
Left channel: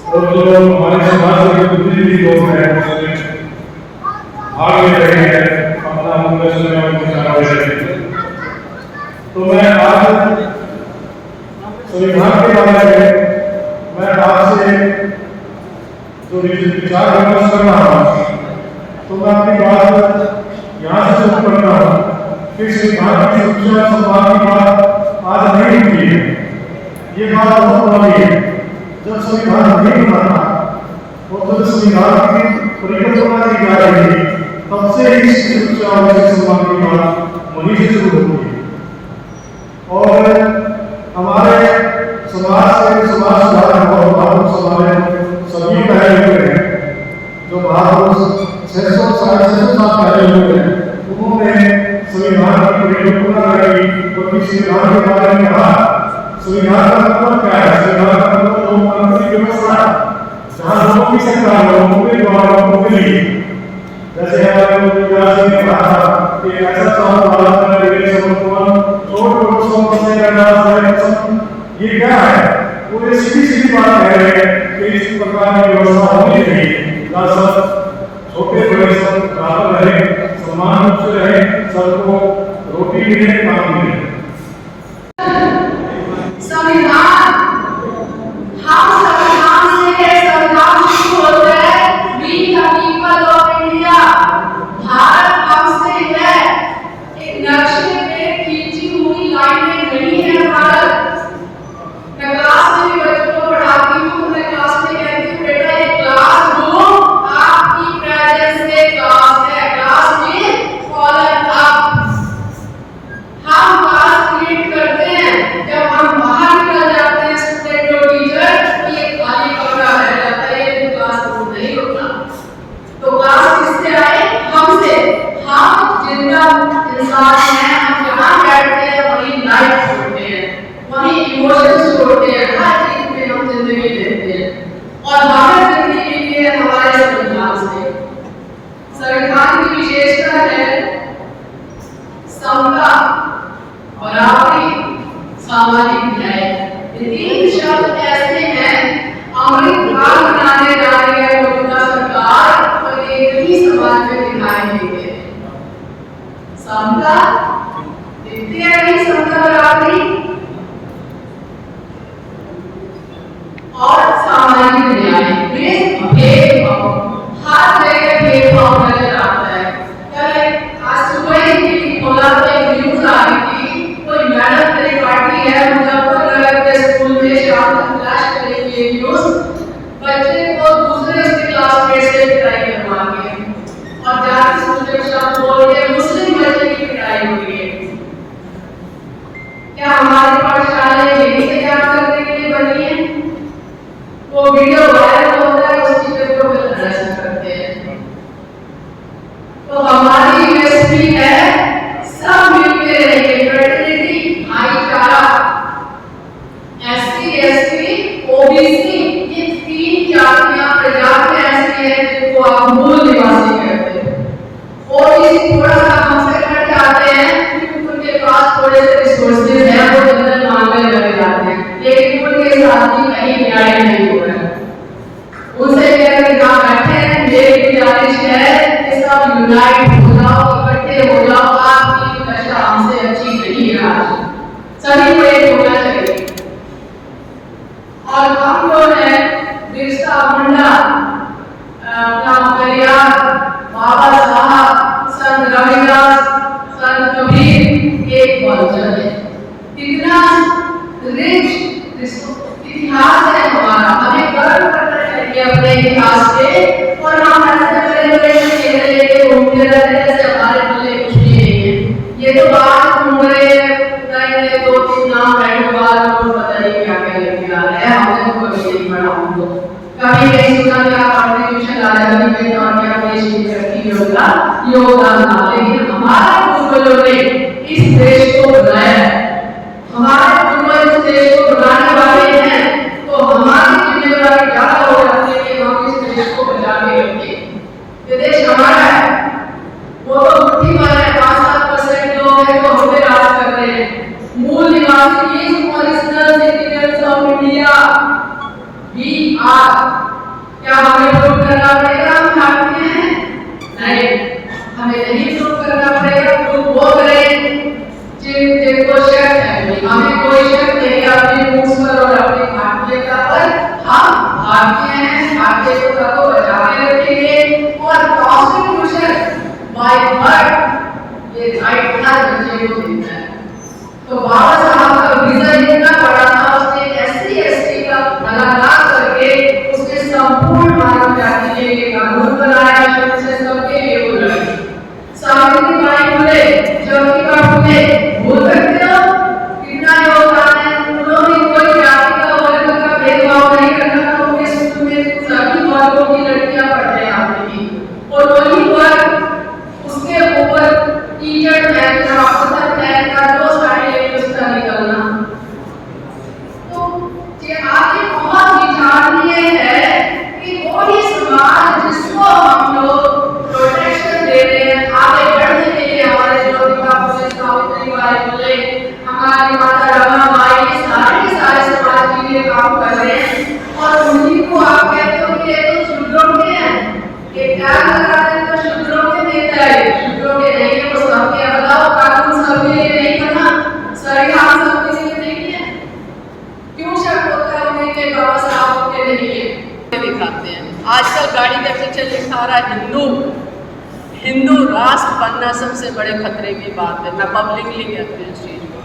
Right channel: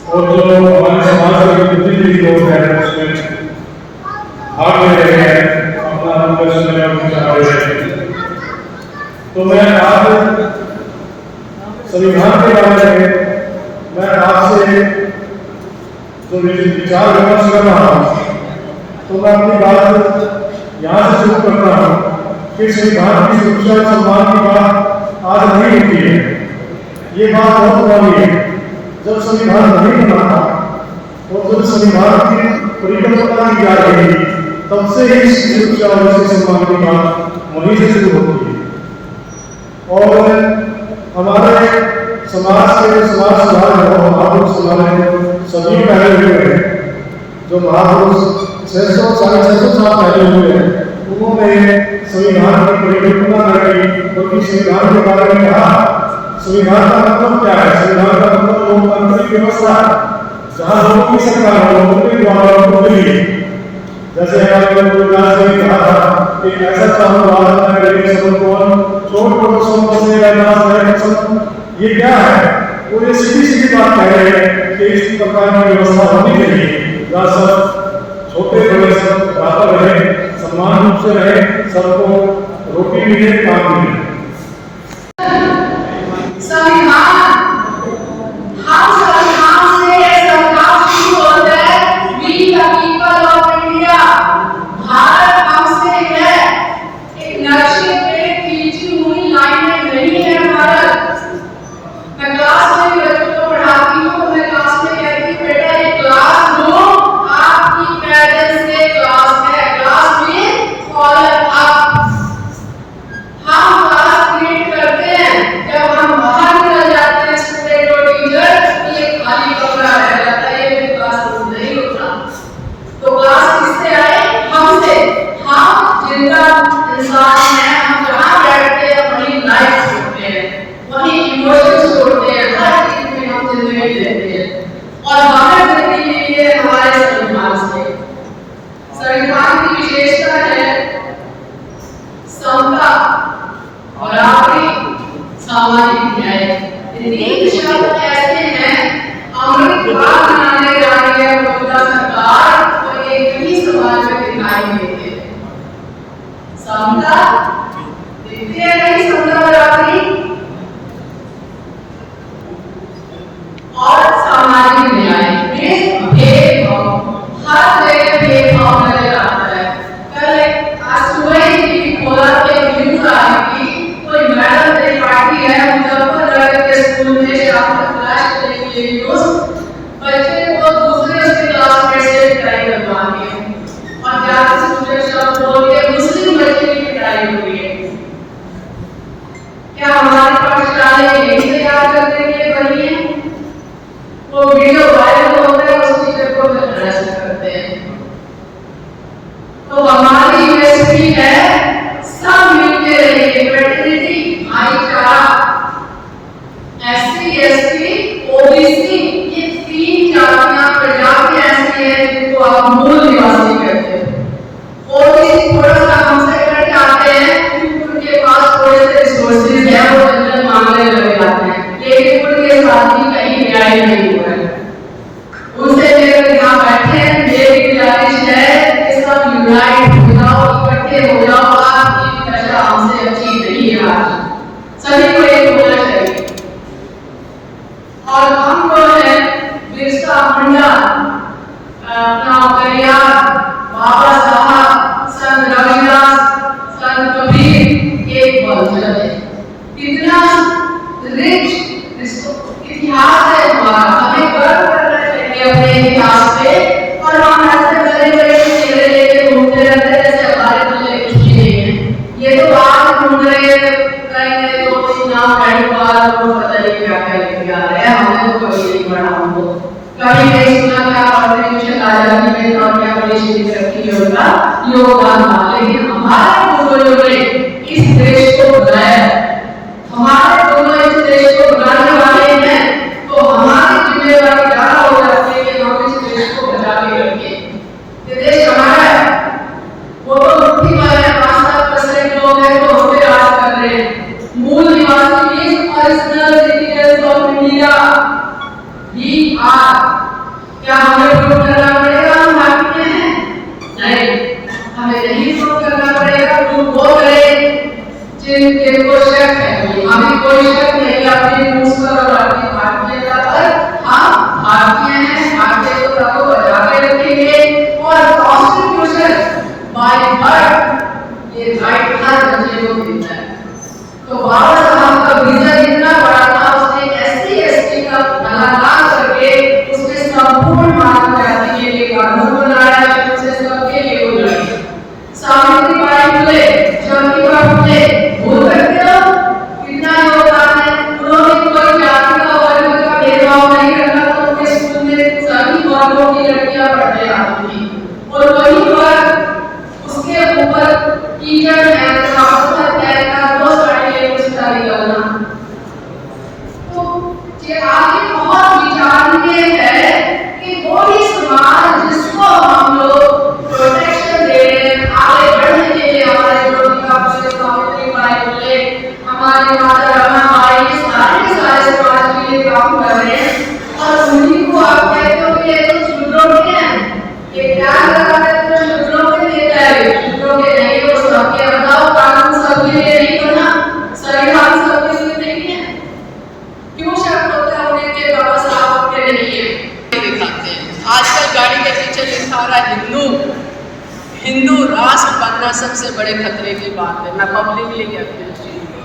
और जो हमारे समाज के जितने भी लोग हैं उसमें भाग ले रहे हैं, अपना प्रदर्शन और विचार रहे हैं। तो मैं आज संविधान के बारे में मैं आपसे जो विचार विमर्श कर रहा हूँ, तो मैं अपनी बात यहाँ से शुरू करता हूँ कि संविधान की सुरक्षा और सम्मान की बात आज नहीं होती है। ये बात बहुत पुरानी है। जब संविधान नहीं बना था और जब संविधान की परिकल्पना की जा रही थी, तब से ही सुरक्षा और सम्मान की बात वहीं से शुरू होती है। और हमारे समाज के समाज सुधार और महापुरुष हमारे सभी पहले हुए हैं, जो महापुरुष 600 साढ़े 600 साल पहले हुए हैं, उन्होंने संविधान की परिकल्पना करी, क्योंकि संविधान के बारे में कहा संविधान का मतलब क्या है। संविधान का मतलब लोकतांत्रिक व्यवस्था, जहाँ लोगों की सरकार हो, लोगों के द्वारा लोगों के लिए। जैसे हमारे ने कहा था कि ऐसा चाहो भारत में मेरे समर्पण छोड़ को से ये क्या है, वो ये सीधी बात कह रहे हैं कि इस प्रकार की व्यवस्था होनी चाहिए, जहाँ सब छोटे बड़े सब बराबर रहे, समान रूप से रहे, सबको रोटी मिले, काम मिले। हम बाहर निकल जाते हैं, छठे दो टीचर, तो यूनाइट हो जाओ, इकट्ठे हो जाओ। आपकी दशा हमसे अच्छी नहीं है आज, सभी को एक होना चाहिए। और हम जो है बिरसा मुंडा, अपना परिवार, बाबा साहब, संत रविदास, संत कबीर एक वंशज है। कितना रिच इतिहास है हमारा, हमें गर्व करना चाहिए अपने इतिहास पे। और हम ऐसे बड़े-बड़े चेहरे लेके घूमते रहते हैं जैसे हमारे मुझे कुछ भी नहीं है। ये तो आज घूम रहे कहीं 2-3 नाम रहने वाला तो पता नहीं क्या-क्या लेके आ रहे हैं, हमें तो कभी नहीं पढ़ा हमको। कभी नहीं सुना क्या कॉन्ट्रीब्यूशन आजादी में और क्या देश की तरक्की में उनका योगदान था। लेकिन हमारे पूर्वजों ने इस देश को बनाया, हमारे पूर्वज इस देश को बनाने वाले हैं, तो हमारी जिम्मेदारी ज्यादा हो जाती है कि हम इस देश को बचा के रखें। ये देश हमारा है, वो तो मुट्ठी भर है, 5-7% लोग हैं तो हम पे राज कर रहे हैं। मूल निवासी इस original citizens of India we are. क्या हमें प्रूव करना पड़ेगा हम भारतीय हैं? नहीं, हमें नहीं प्रूव करना पड़ेगा। प्रूव वो करें जिनको शक है। हमें कोई शक नहीं है अपनी मूस पर और अपनी भारतीयता पर। हम भारतीय हैं, भारतीयता को बचा के रखेंगे। और कॉन्स्टिट्यूशन बाय बर्थ ये राइट हर बच्चे को देता है। तो बाबा साहब का विजन इतना बड़ा था, उसने SC/ST का भला ना करके उसने संपूर्ण मानव जाति के लिए कानून बनाया, जिससे सबके लिए हो जाए। सावित्रीबाई फुले, ज्योतिबा फुले, भूल सकते हो कितना योगदान है? उन्होंने कोई जाति का वर्ग का भेदभाव नहीं करना था। उनके स्कूल में सभी वर्गों की लड़कियां पढ़ने आती थी और वही वर्ग उसके ऊपर टीचर पहनना, अफसर पहनना, 2 साड़ी लेके उसका निकलना। तो ये आगे बहुत विचारणीय है कि वो ही समाज जिसको हम लोग प्रोटेक्शन दे रहे हैं आगे बढ़ने के लिए, हमारे ज्योतिबा फुले, सावित्रीबाई फुले, हमारी माता रमाबाई, ये सारे समाज के लिए काम कर रहे हैं। और उन्हीं को आप कहते हो कि ये तो शूद्रों के हैं, ये क्या लगा है तो शूद्रों के देता है, शूद्रों के नहीं है। वो सबके बताओ कानून सबके लिए नहीं बना, संविधान सबके लिए नहीं है। क्यों शक होता है उन्हें कि बाबा साहब के नहीं है? दिखाते हैं आजकल गाड़ी के पीछे लिखा रहा हिंदू राष्ट्र बनना सबसे बड़े खतरे की बात है। मैं पब्लिकली कहती हूँ इस चीज को।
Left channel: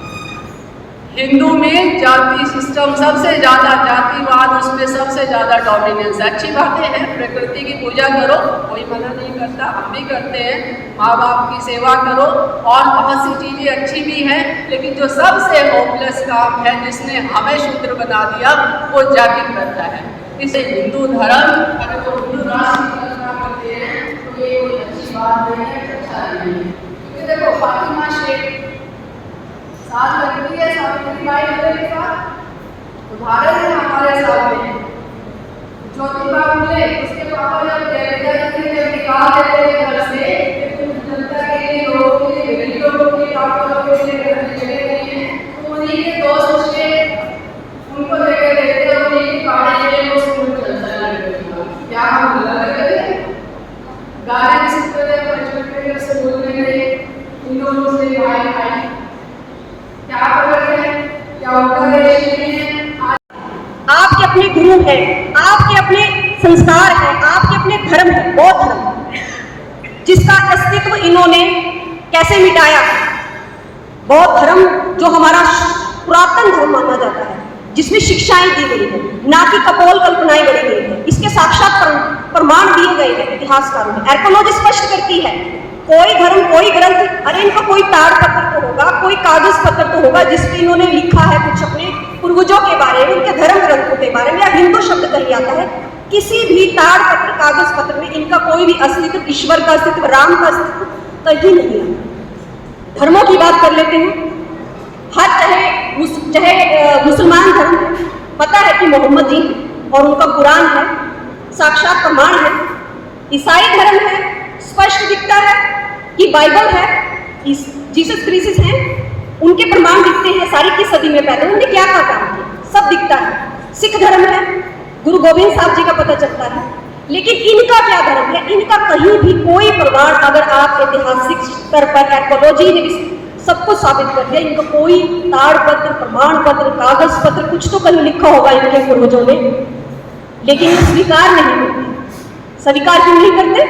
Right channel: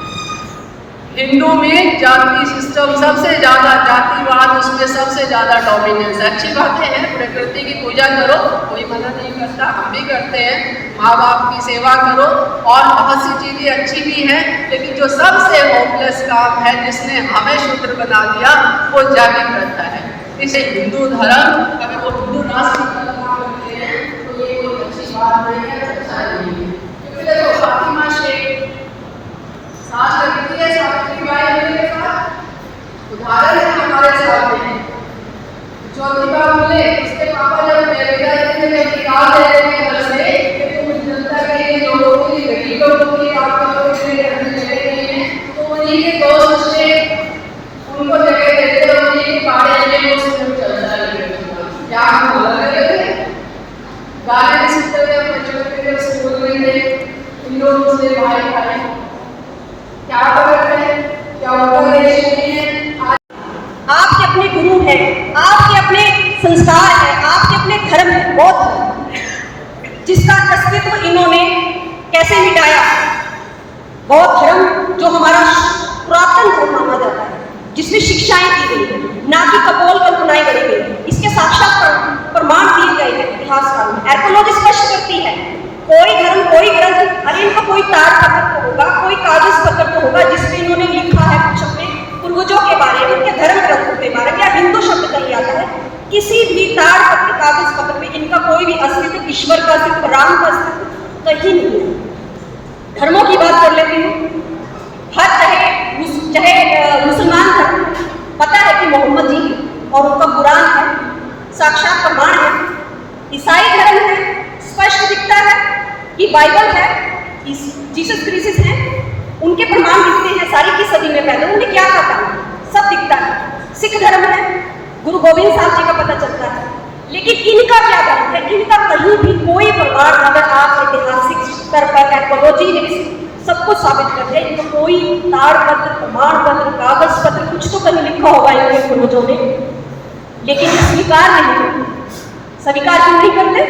हिंदू में जाति सिस्टम सबसे ज्यादा, जातिवाद उसमें सबसे ज्यादा डोमिनेंस है। अच्छी बातें हैं, प्रकृति की पूजा करो, कोई मना नहीं करता, हम भी करते हैं। माँ बाप की सेवा करो और बहुत सी चीजें अच्छी भी हैं। लेकिन जो सबसे होपलेस काम है, जिसने हमें शूद्र बना दिया, वो जाति प्रथा है। इसे हिंदू धर्म, अगर वो हिंदू राष्ट्र करते हैं तो ये कोई अच्छी बात नहीं है, अच्छा नहीं है। क्योंकि देखो फातिमा शेख साथ लगती है सावित्रीबाई फुले के साथ, उदाहरण है हमारे सामने। ज्योतिबा फुले, उसके पापा जब निकाल देते हैं घर से, जनता के लिए, लोगों के लिए, गरीब लोगों के लिए चले गए हैं, तो उन्हीं के दोस्त से उनको जगह देते हैं, उन्हीं के पाड़े में वो स्कूल चलता है। क्या हम गलत लगे थे? गाने भी सुनते हुए बचपन में जब स्कूल में थे, हिंदू मुस्लिम भाई भाई, क्या फर्क है? क्या उनका देश नहीं है? आपके अपने गुरु हैं, आपके अपने संस्कार हैं, आपके अपने धर्म है, बौद्ध धर्म, जिसका अस्तित्व इन्होंने कैसे मिटाया। बौद्ध धर्म जो हमारा पुरातन धर्म माना जाता है, जिसमें शिक्षाएं दी गई है, ना कि कपोल कल्पनाएं गढ़ी गई है। इसके साक्षात प्रमाण दिए गए हैं इतिहासकारों में। आर्कियोलॉजी स्पष्ट करती है, कोई धर्म, कोई ग्रंथ, अरे इनका कोई ताड़ पत्र तो होगा, कोई कागज पत्र तो होगा जिसमें इन्होंने लिखा है कुछ अपने पूर्वजों के बारे में, उनके धर्म ग्रंथों के बारे में, या हिंदू शब्द कहीं आता है। किसी भी ताड़ पत्र, कागज पत्र में इनका कोई भी अस्तित्व, ईश्वर का अस्तित्व, राम का अस्तित्व कहीं नहीं है। धर्मों की बात कर लेते हैं। हर चाहे मुसलमान धर्म, पता है कि मोहम्मद जी और उनका कुरान है, साक्षात प्रमाण है। ईसाई धर्म है, स्पष्ट दिखता है कि बाइबल है, जीसस क्राइस्ट हैं, उनके प्रमाण दिखते हैं। सारी की सदी में पहले उन्होंने क्या कहा, सब दिखता है। सिख धर्म है, गुरु गोविंद साहब जी का पता चलता है। लेकिन इनका क्या धर्म है? इनका कहीं भी कोई प्रमाण, अगर आप ऐतिहासिक स्तर पर एर्गोलॉजी सब कुछ साबित कर दे, इनका कोई ताड़पत्र, प्रमाण पत्र, कागज पत्र कुछ तो कहीं लिखा होगा इनके पूर्वजों ने, लेकिन स्वीकार नहीं करते। स्वीकार क्यों नहीं करते?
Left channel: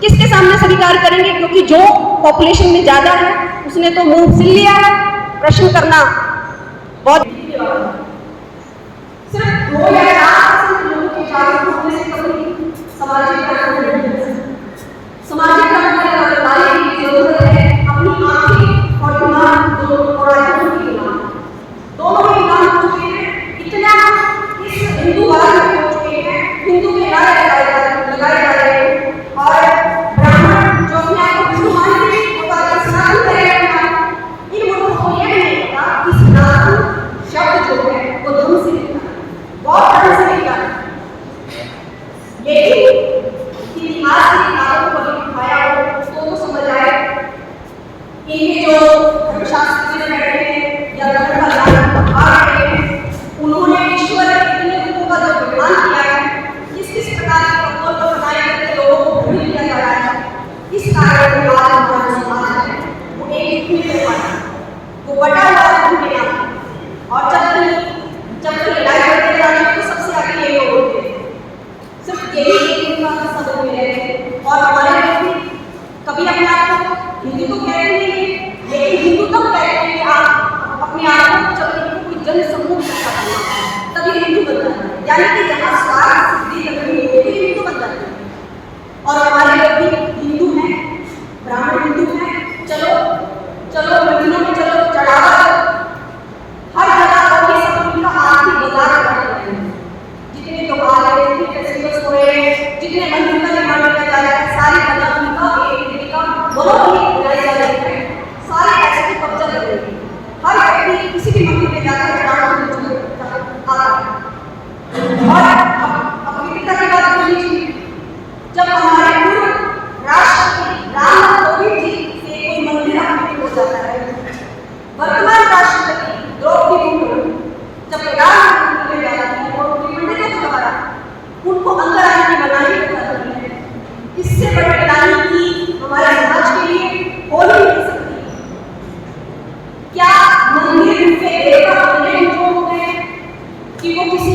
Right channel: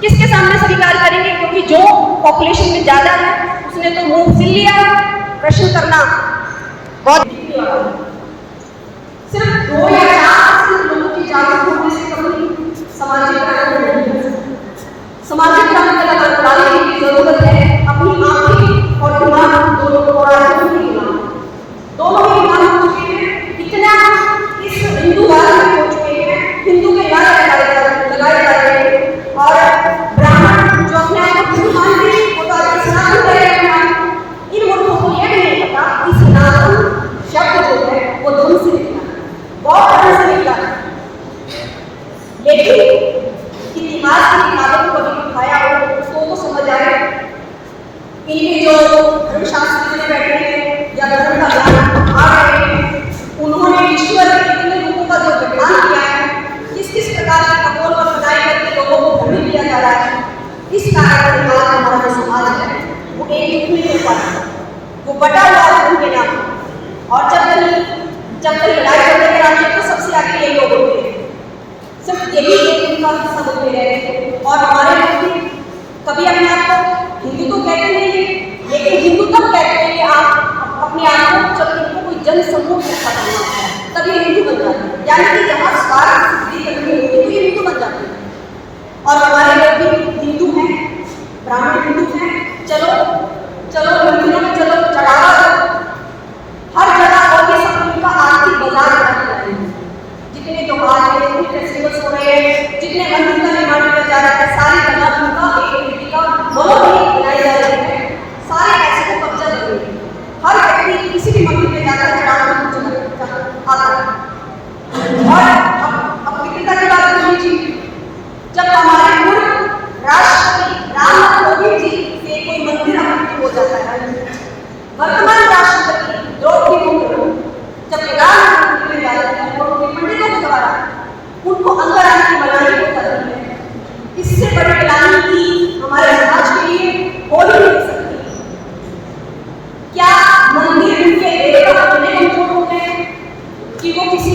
किसके सामने स्वीकार करेंगे? क्योंकि जो पॉपुलेशन में ज्यादा है उसने तो मुंह सिल लिया। प्रश्न करना बहुत सिर्फ 2 या 4% लोगों के जागरूक होने से कभी सामाजिक क्रांति नहीं हो सकती। सामाजिक क्रांति लाने की जरूरत है अपनी आंखें और दिमाग दोनों को दोनों ही गुलाम हो चुके हैं। इतना इस हिंदूवाद में हो चुके हैं, हिंदू के नारे लगाए जा रहे हैं, और ब्राह्मण जो अपने आप को हिंदू मानते हैं वो तो आगे सनातन कह रहे हैं। इन मूर्खों को यह भी नहीं पता कि सनातन शब्द जो है वो धर्म से निकला है, बहुत धर्म से निकला है। लेकिन इतिहास की किताबों को कभी उठाया हो तो समझ आए इनके जो धर्मशास्त्री में बैठे हैं या धर्म का ज्ञान पढ़ा रहे हैं, उन्होंने ईश्वर के कितने रूपों का जो विधान किया है, किस किस प्रकार की कपोल पर खुदाई करके लोगों को भ्रमित किया जा रहा है, इस कारण से आज हमारा जो समाज है वो एक जुट नहीं हो पाता, वो बटा हुआ है उनके नाम। और जब कभी लड़ाई झगड़े करानी हो तो सबसे आगे यही लोग होते हैं, सिर्फ यही एक उनका हिस्सा बनते रहे हैं। और हमारे लोग भी कभी अपने आप को हिंदू तो कहते नहीं है, लेकिन हिंदू तब कहते हैं कि आप अपने आप को जब इनको कोई जन समूह इकट्ठा करना होता है तब ये हिंदू बन जाते हैं, यानी कि जहाँ स्वार्थ सिद्धि करनी होती है तो ये हिंदू बन जाते हैं। और हमारे लोग भी हिंदू हैं, ब्राह्मण हिंदू हैं, चलो मंदिरों में चलो, चढ़ावा दो हर जगह, और ये सब उनका आर्थिक बाजार बना दिया है। जितने त्योहार है, जितने फेस्टिवल्स हो रहे हैं, जितने मंदिर का निर्माण किया जा रहा है, सारी जगह उनका एक का मोनोपोली बनाई जा रही है, सारे पैसे को कब्जा कर रही है। हर व्यक्ति किसी भी मंदिर में जाकर चढ़ावा आता है। और अब पवित्रता की बात कर लीजिए, जब हमारे पूर्व राष्ट्रपति रामनाथ कोविंद जी से कोई मंदिर अपवित्र हो जाता है, वर्तमान राष्ट्रपति द्रौपदी मुर्मू जब प्रधानमंत्री में जाती है और उनके पंडितों के द्वारा उनको अंदर आने की मनाही हो जाती है, इससे बड़ी गिलानी की हमारे समाज के लिए हो ही नहीं सकती। क्या मंदिर उनके देह का इतने कमजोर हो गए हैं कि वो किसी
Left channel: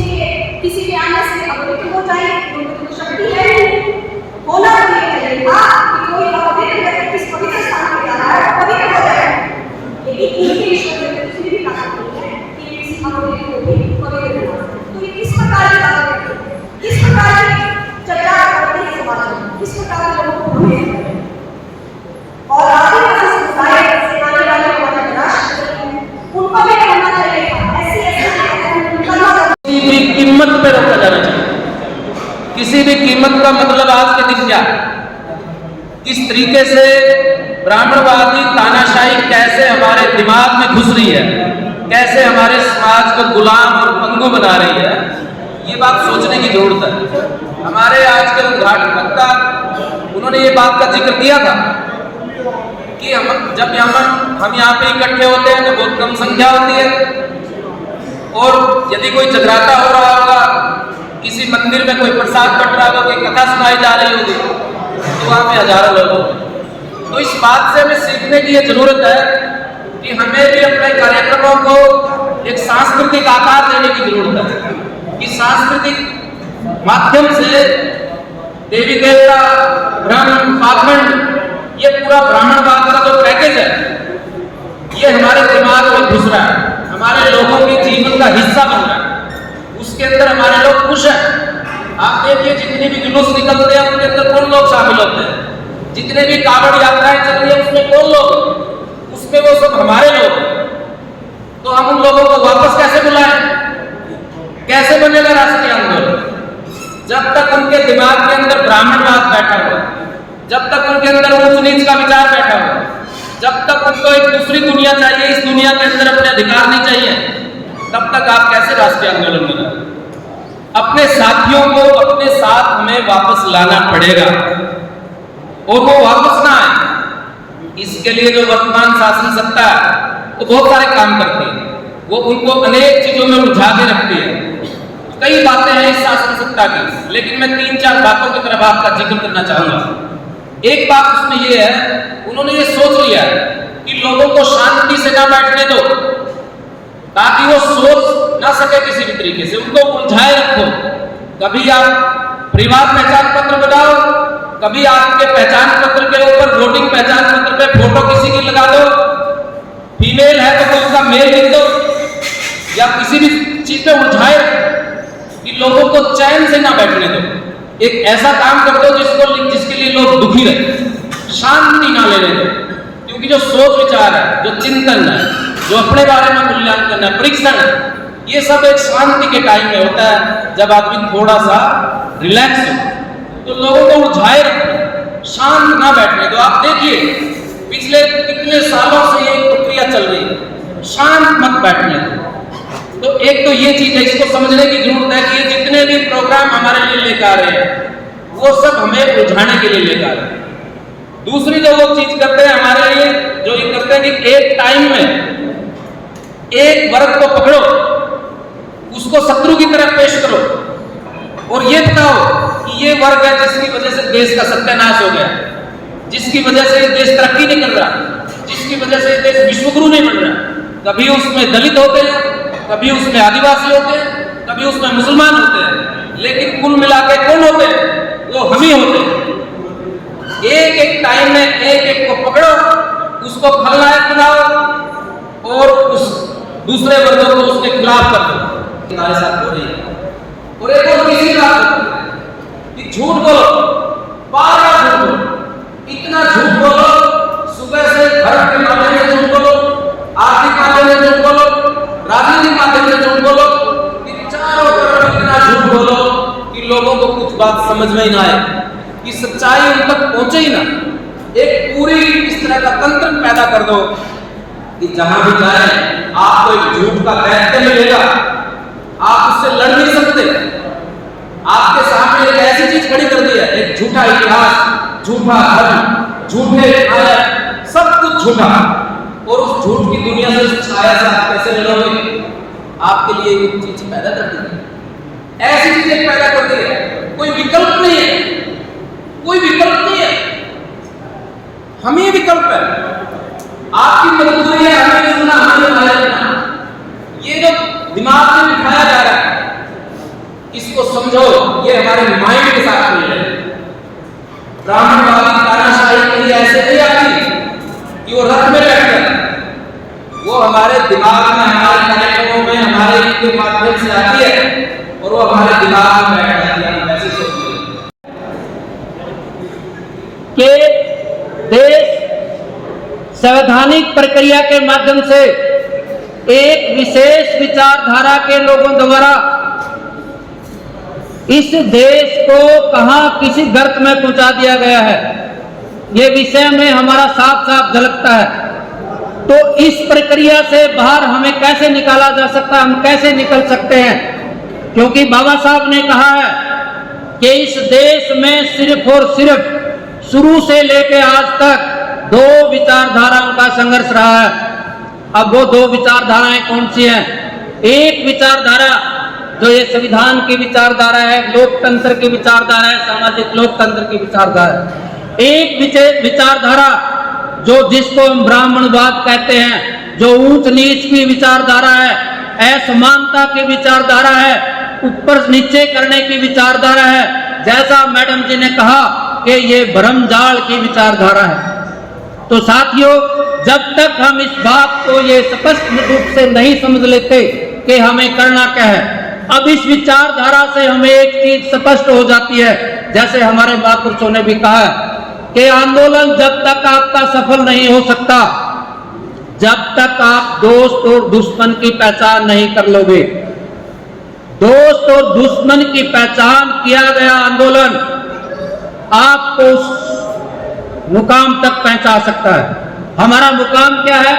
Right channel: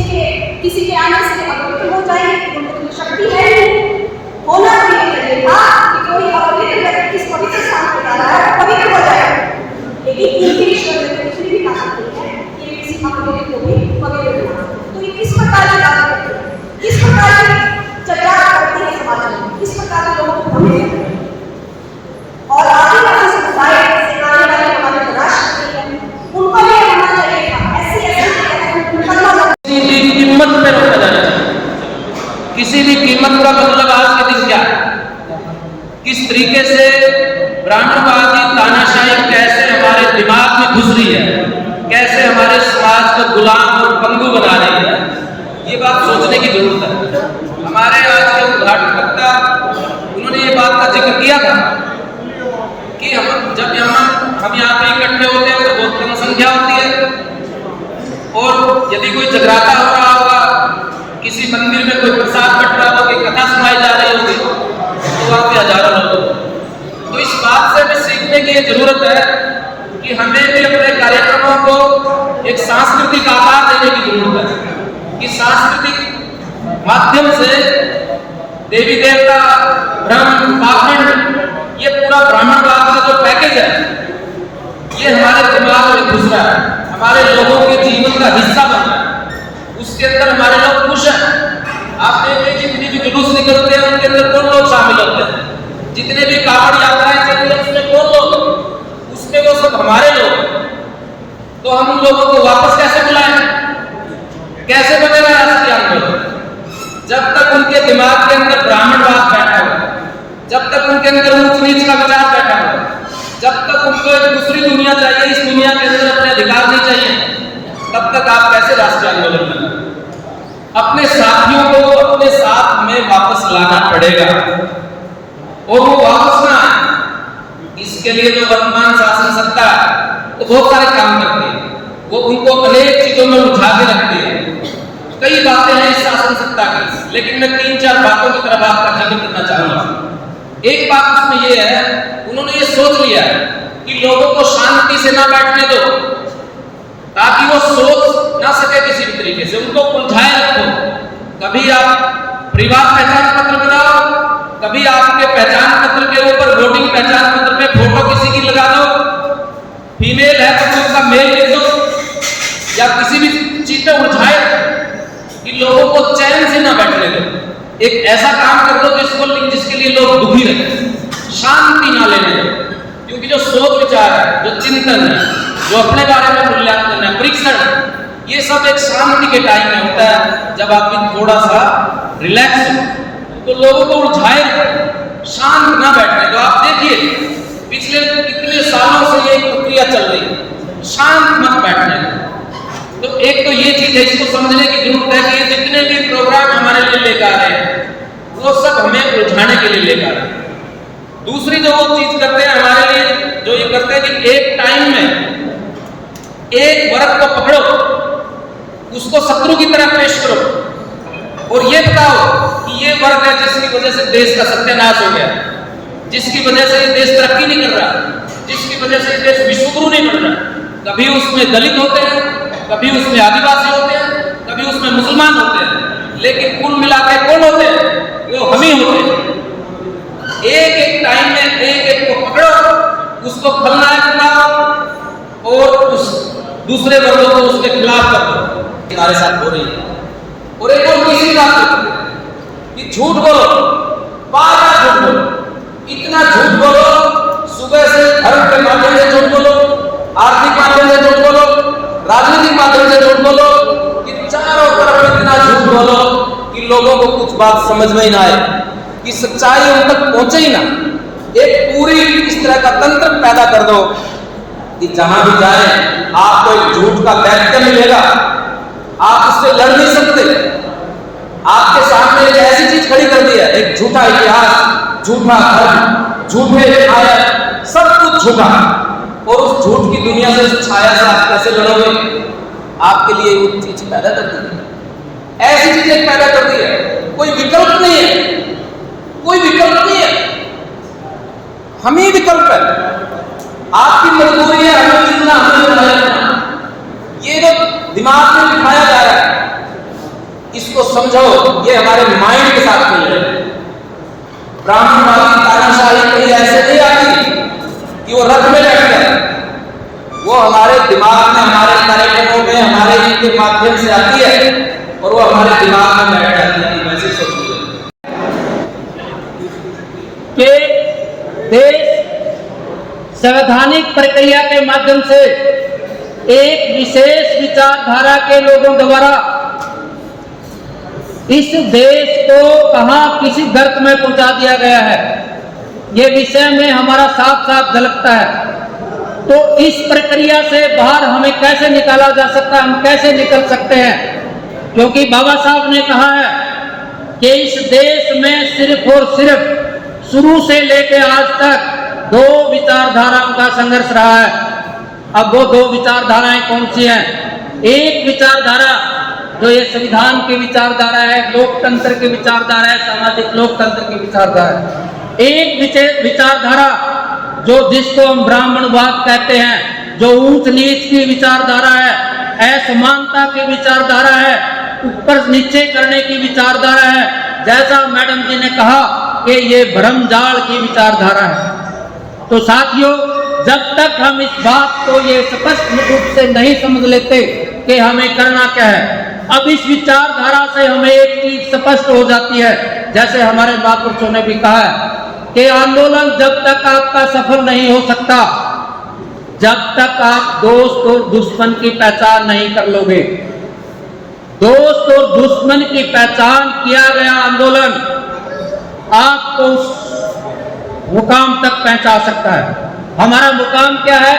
के आने से अपवित्र हो जाएंगे? उनमें तो शक्ति है ही नहीं। होना तो ये चाहिए था कि कोई अपवित्र व्यक्ति किस पवित्र स्थान पर जा रहा है वो पवित्र हो जाए, लेकिन इनके ईश्वर में तो किसी भी ताकत नहीं है कि वे किसी अपवित्र को भी पवित्र बना सकें। तो ये किस प्रकार की बात करते हैं, किस प्रकार की चर्चा करते हैं समाज में, किस प्रकार के लोगों को भ्रमित करते हैं। और आदिवासी समुदाय से आने वाले हमारे राष्ट्रपति हैं, उनको भी होना चाहिए था किसी भी कीमत पे रोका जाना चाहिए। किसी भी कीमत का मतलब आज के दिन क्या, किस तरीके से ब्राह्मणवादी तानाशाही कैसे हमारे दिमाग में घुस रही है, कैसे हमारे समाज को गुलाम और पंगु बना रही है, ये बात सोचने की जरूरत है। हमारे आज के उद्घाटन वक्ता उन्होंने ये बात का जिक्र किया था कि जब हम यहाँ पे इकट्ठे होते हैं तो बहुत कम संख्या होती है, और यदि कोई जगराता हो रहा होगा, किसी मंदिर में कोई प्रसाद बट रहा होगा, कोई कथा सुनाई जा रही होगी, तो वहाँ पे हजारों लोग होंगे। तो इस बात से हमें सीखने की ये जरूरत है कि हमें भी अपने कार्यक्रमों को एक सांस्कृतिक आकार देने की जरूरत है, कि सांस्कृतिक माध्यम से देवी देवता, ब्रह्म, पाखंड, ये पूरा ब्राह्मणवाद का जो पैकेज है ये हमारे दिमाग में घुस रहा है, हमारे लोगों के जीवन का हिस्सा बन रहा है, उसके अंदर हमारे लोग खुश हैं। आप देखिए जितने भी जुलूस निकलते हैं उनके अंदर कौन लोग शामिल होते हैं, जितने भी कावड़ यात्राएं चल रही है उसमें कौन लोग, उसमें वो सब हमारे लोग। तो हम उन लोगों को वापस कैसे बुलाएं, कैसे बनेगा राष्ट्रीय आंदोलन? जब तक उनके दिमाग के अंदर ब्राह्मणवाद बैठा हो, जब तक उनके अंदर ऊंच नीच का विचार बैठा हो, जब तक उनको एक दूसरी दुनिया चाहिए, इस दुनिया के अंदर अपने अधिकार नहीं चाहिए, तब तक आप कैसे राष्ट्रीय आंदोलन में लाएं? अपने साथियों को अपने साथ हमें वापस लाना पड़ेगा, और वो वापस ना आए। इसके लिए जो वर्तमान शासन सत्ता वो बहुत सारे काम करते हैं, वो उनको अनेक चीजों में उलझा के रखते हैं। कई बातें हैं इस शासन सत्ता की, लेकिन मैं 3-4 बातों की तरफ आपका जिक्र करना चाहूंगा। एक बात उसमें यह है, उन्होंने ये सोच लिया कि लोगों को शांति से ना बैठने दो, ताकि वो सोच ना सके किसी भी तरीके से, उनको उलझाए रखो। कभी आप परिवार पहचान पत्र बनाओ, कभी आपके पहचान पत्र के ऊपर वोटिंग पहचान पत्र पे फोटो किसी की लगा दो, फीमेल है तो उसका मेल लिख दो, या किसी भी चीज पे उलझाए कि लोगों को चैन से ना बैठने दो। एक ऐसा काम कर दो जिसके लिए लोग दुखी रहे, शांति ना लेने दो। क्योंकि जो सोच विचार है, जो चिंतन है, जो अपने बारे में मूल्यांकन है, परीक्षण है, ये सब एक शांति के टाइम में होता है, जब आदमी थोड़ा सा रिलैक्स हो। तो लोगों को उलझाए रखो, शांत ना बैठने दो। आप देखिए पिछले कितने सालों से ये प्रक्रिया चल रही है, शांत मत बैठने दो। तो एक तो ये चीज है, इसको समझने की जरूरत है कि जितने भी प्रोग्राम हमारे लिए लेकर आ रहे हैं, वो सब हमें उलझाने के लिए लेकर आ रहे हैं। दूसरी जो वो चीज करते हैं हमारे लिए, जो ये करते हैं कि एक टाइम में एक वर्ग को पकड़ो, उसको शत्रु की तरह पेश करो, और ये बताओ कि ये वर्ग है जिसकी वजह से देश का सत्यानाश हो गया, जिसकी वजह से ये देश तरक्की नहीं कर रहा, जिसकी वजह से देश विश्वगुरु नहीं बन रहा। कभी उसमें दलित होते हैं, कभी उसमें आदिवासी होते हैं, कभी उसमें मुसलमान होते हैं, लेकिन कुल मिलाकर कौन होते हैं? वो हम ही होते हैं। एक एक टाइम में एक एक को पकड़ो, उसको खलनायक बनाओ और उस दूसरे वर्गों को उसके खिलाफ कर दो। हमारे साथ हो रही है। और एक और तीसरी बात कि झूठ बोलो, बार-बार झूठ बोलो, इतना झूठ बोलो, सुबह से धर्म के माध्यम से झूठ बोलो, आर्थिक माध्यम से झूठ बोलो, राजनीतिक माध्यम से झूठ बोलो, कि चारों तरफ इतना झूठ बोलो कि लोगों को कुछ बात समझ में ही ना आए, कि सच्चाई उन तक पहुंचे ही ना। एक पूरी इस तरह का तंत्र पैदा कर दो कि जहां भी जाए आपको एक झूठ का दैत्य मिलेगा, आप उससे लड़ नहीं सकते। आपके सामने एक ऐसी चीज खड़ी कर दी है, एक झूठा इतिहास, झूठा धर्म, झूठे आयत, सब कुछ झूठा, और उस झूठ की दुनिया से, उस छाया से आप कैसे लड़ोगे? आपके लिए वो चीज पैदा कर दी है, ऐसी चीजें पैदा कर दी है, कोई विकल्प नहीं है, कोई विकल्प नहीं है, हम ही विकल्प है। आपकी मजबूरी है हमें चुनना, हमें रखना। ये जो दिमाग में बिठाया जा रहा है, इसको समझो, ये हमारे माइंड के साथ खेल रहे हैं। ब्राह्मणवादी तानाशाही कहीं ऐसे नहीं आती कि वो रथ में बैठ गया, वो हमारे दिमाग में, हमारे कार्यक्रमों में, हमारे इनके माध्यम से आती है, और वो हमारे दिमाग में बैठ जाती है। हम वैसे सोचते कि देश संवैधानिक प्रक्रिया के माध्यम से एक विशेष विचारधारा के लोगों द्वारा इस देश को कहां किसी गर्त में पहुंचा दिया गया है, ये विषय में हमारा साफ साफ झलकता है। तो इस प्रक्रिया से बाहर हमें कैसे निकाला जा सकता है, हम कैसे निकल सकते हैं? क्योंकि बाबा साहब ने कहा है कि इस देश में सिर्फ और सिर्फ शुरू से लेकर आज तक दो विचारधाराओं का संघर्ष रहा है। अब वो दो विचारधाराएं कौन सी हैं? एक विचारधारा जो ये संविधान की विचारधारा है, लोकतंत्र की विचारधारा है, सामाजिक लोकतंत्र की विचारधारा है। एक विचारधारा जो जिसको हम ब्राह्मणवाद कहते हैं, जो ऊंच नीच की विचारधारा है, असमानता की विचारधारा है, ऊपर नीचे करने की विचारधारा है, जैसा मैडम जी ने कहा कि ये भ्रमजाल की विचारधारा है। तो साथियों, जब तक हम इस बात को ये स्पष्ट रूप से नहीं समझ लेते कि हमें करना क्या है, अब इस विचारधारा से हमें एक चीज स्पष्ट हो जाती है, जैसे हमारे महापुरुषों ने भी कहा है कि आंदोलन जब तक आपका सफल नहीं हो सकता, जब तक आप दोस्त और दुश्मन की पहचान नहीं कर लोगे। दोस्त और दुश्मन की पहचान किया गया आंदोलन आपको उस मुकाम तक पहुंचा सकता है। हमारा मुकाम क्या है?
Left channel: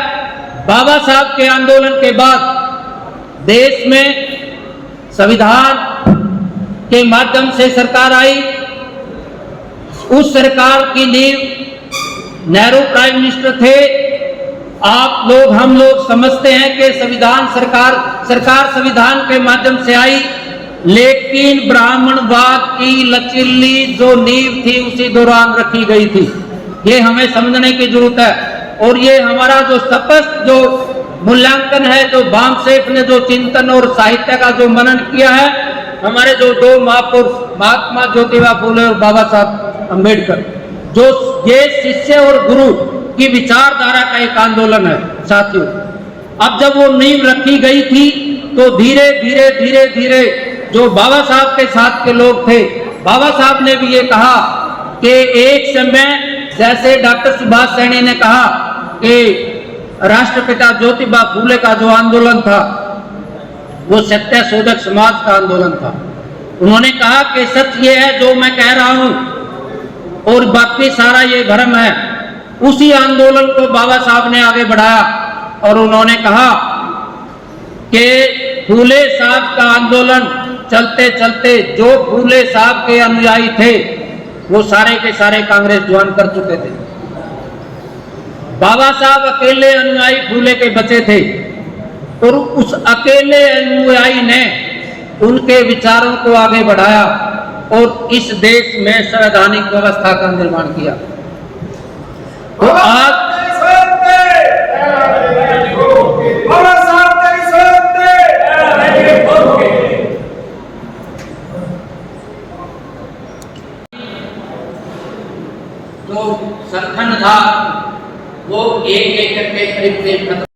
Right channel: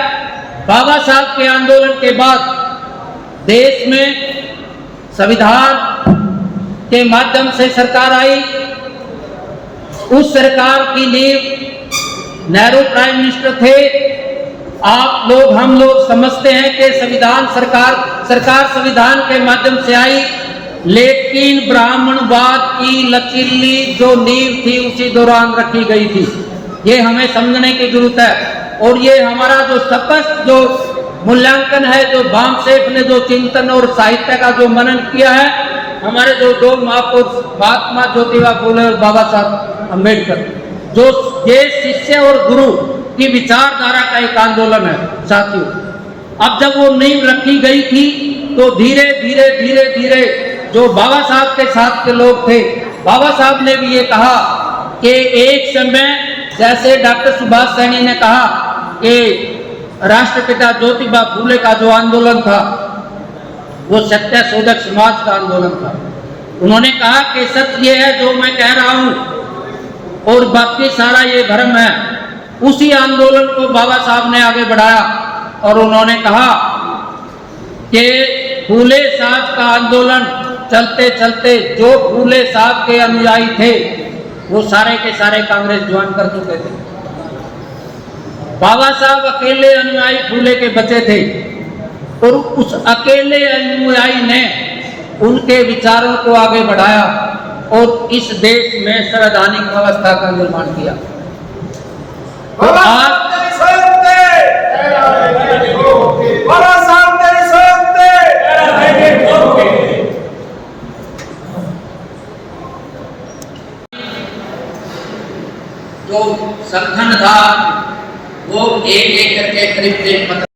बाबा साहब के आंदोलन के बाद देश में संविधान के माध्यम से सरकार आई। उस सरकार की नींव नेहरू प्राइम मिनिस्टर थे। आप लोग, हम लोग समझते हैं कि संविधान सरकार संविधान के माध्यम से आई, लेकिन ब्राह्मणवाद की लचीली जो नींव थी उसी दौरान रखी गई थी। ये हमें समझने की जरूरत है। और ये हमारा जो स्पष्ट जो मूल्यांकन है, जो बामसेफ ने जो चिंतन और साहित्य का जो मनन किया है, हमारे जो दो महापुरुष महात्मा ज्योतिबा फूले और बाबा साहब अम्बेडकर, जो ये शिष्य और गुरु की विचारधारा का एक आंदोलन है साथियों। अब जब वो नींव रखी गई थी तो धीरे धीरे धीरे धीरे जो बाबा साहब के साथ के लोग थे, बाबा साहब ने भी ये कहा कि एक समय जैसे डॉक्टर सुभाष सैनी ने कहा कि राष्ट्रपिता ज्योतिबा फूले का जो आंदोलन था वो सत्य शोधक समाज का आंदोलन था। उन्होंने कहा कि सच ये है जो मैं कह रहा हूं और बाकी सारा ये भ्रम है। उसी आंदोलन को बाबा साहब ने आगे बढ़ाया और उन्होंने कहा कि फूले साहब का आंदोलन चलते चलते जो फूले साहब के अनुयायी थे वो सारे के सारे कांग्रेस ज्वाइन कर चुके थे। बाबा साहब अकेले अनुयायी फूले के बचे थे और उस अकेले अनुयायी ने उनके विचारों को आगे बढ़ाया और इस देश में संवैधानिक व्यवस्था का निर्माण किया। तो आज जो संगठन था वो एक एक करके करीब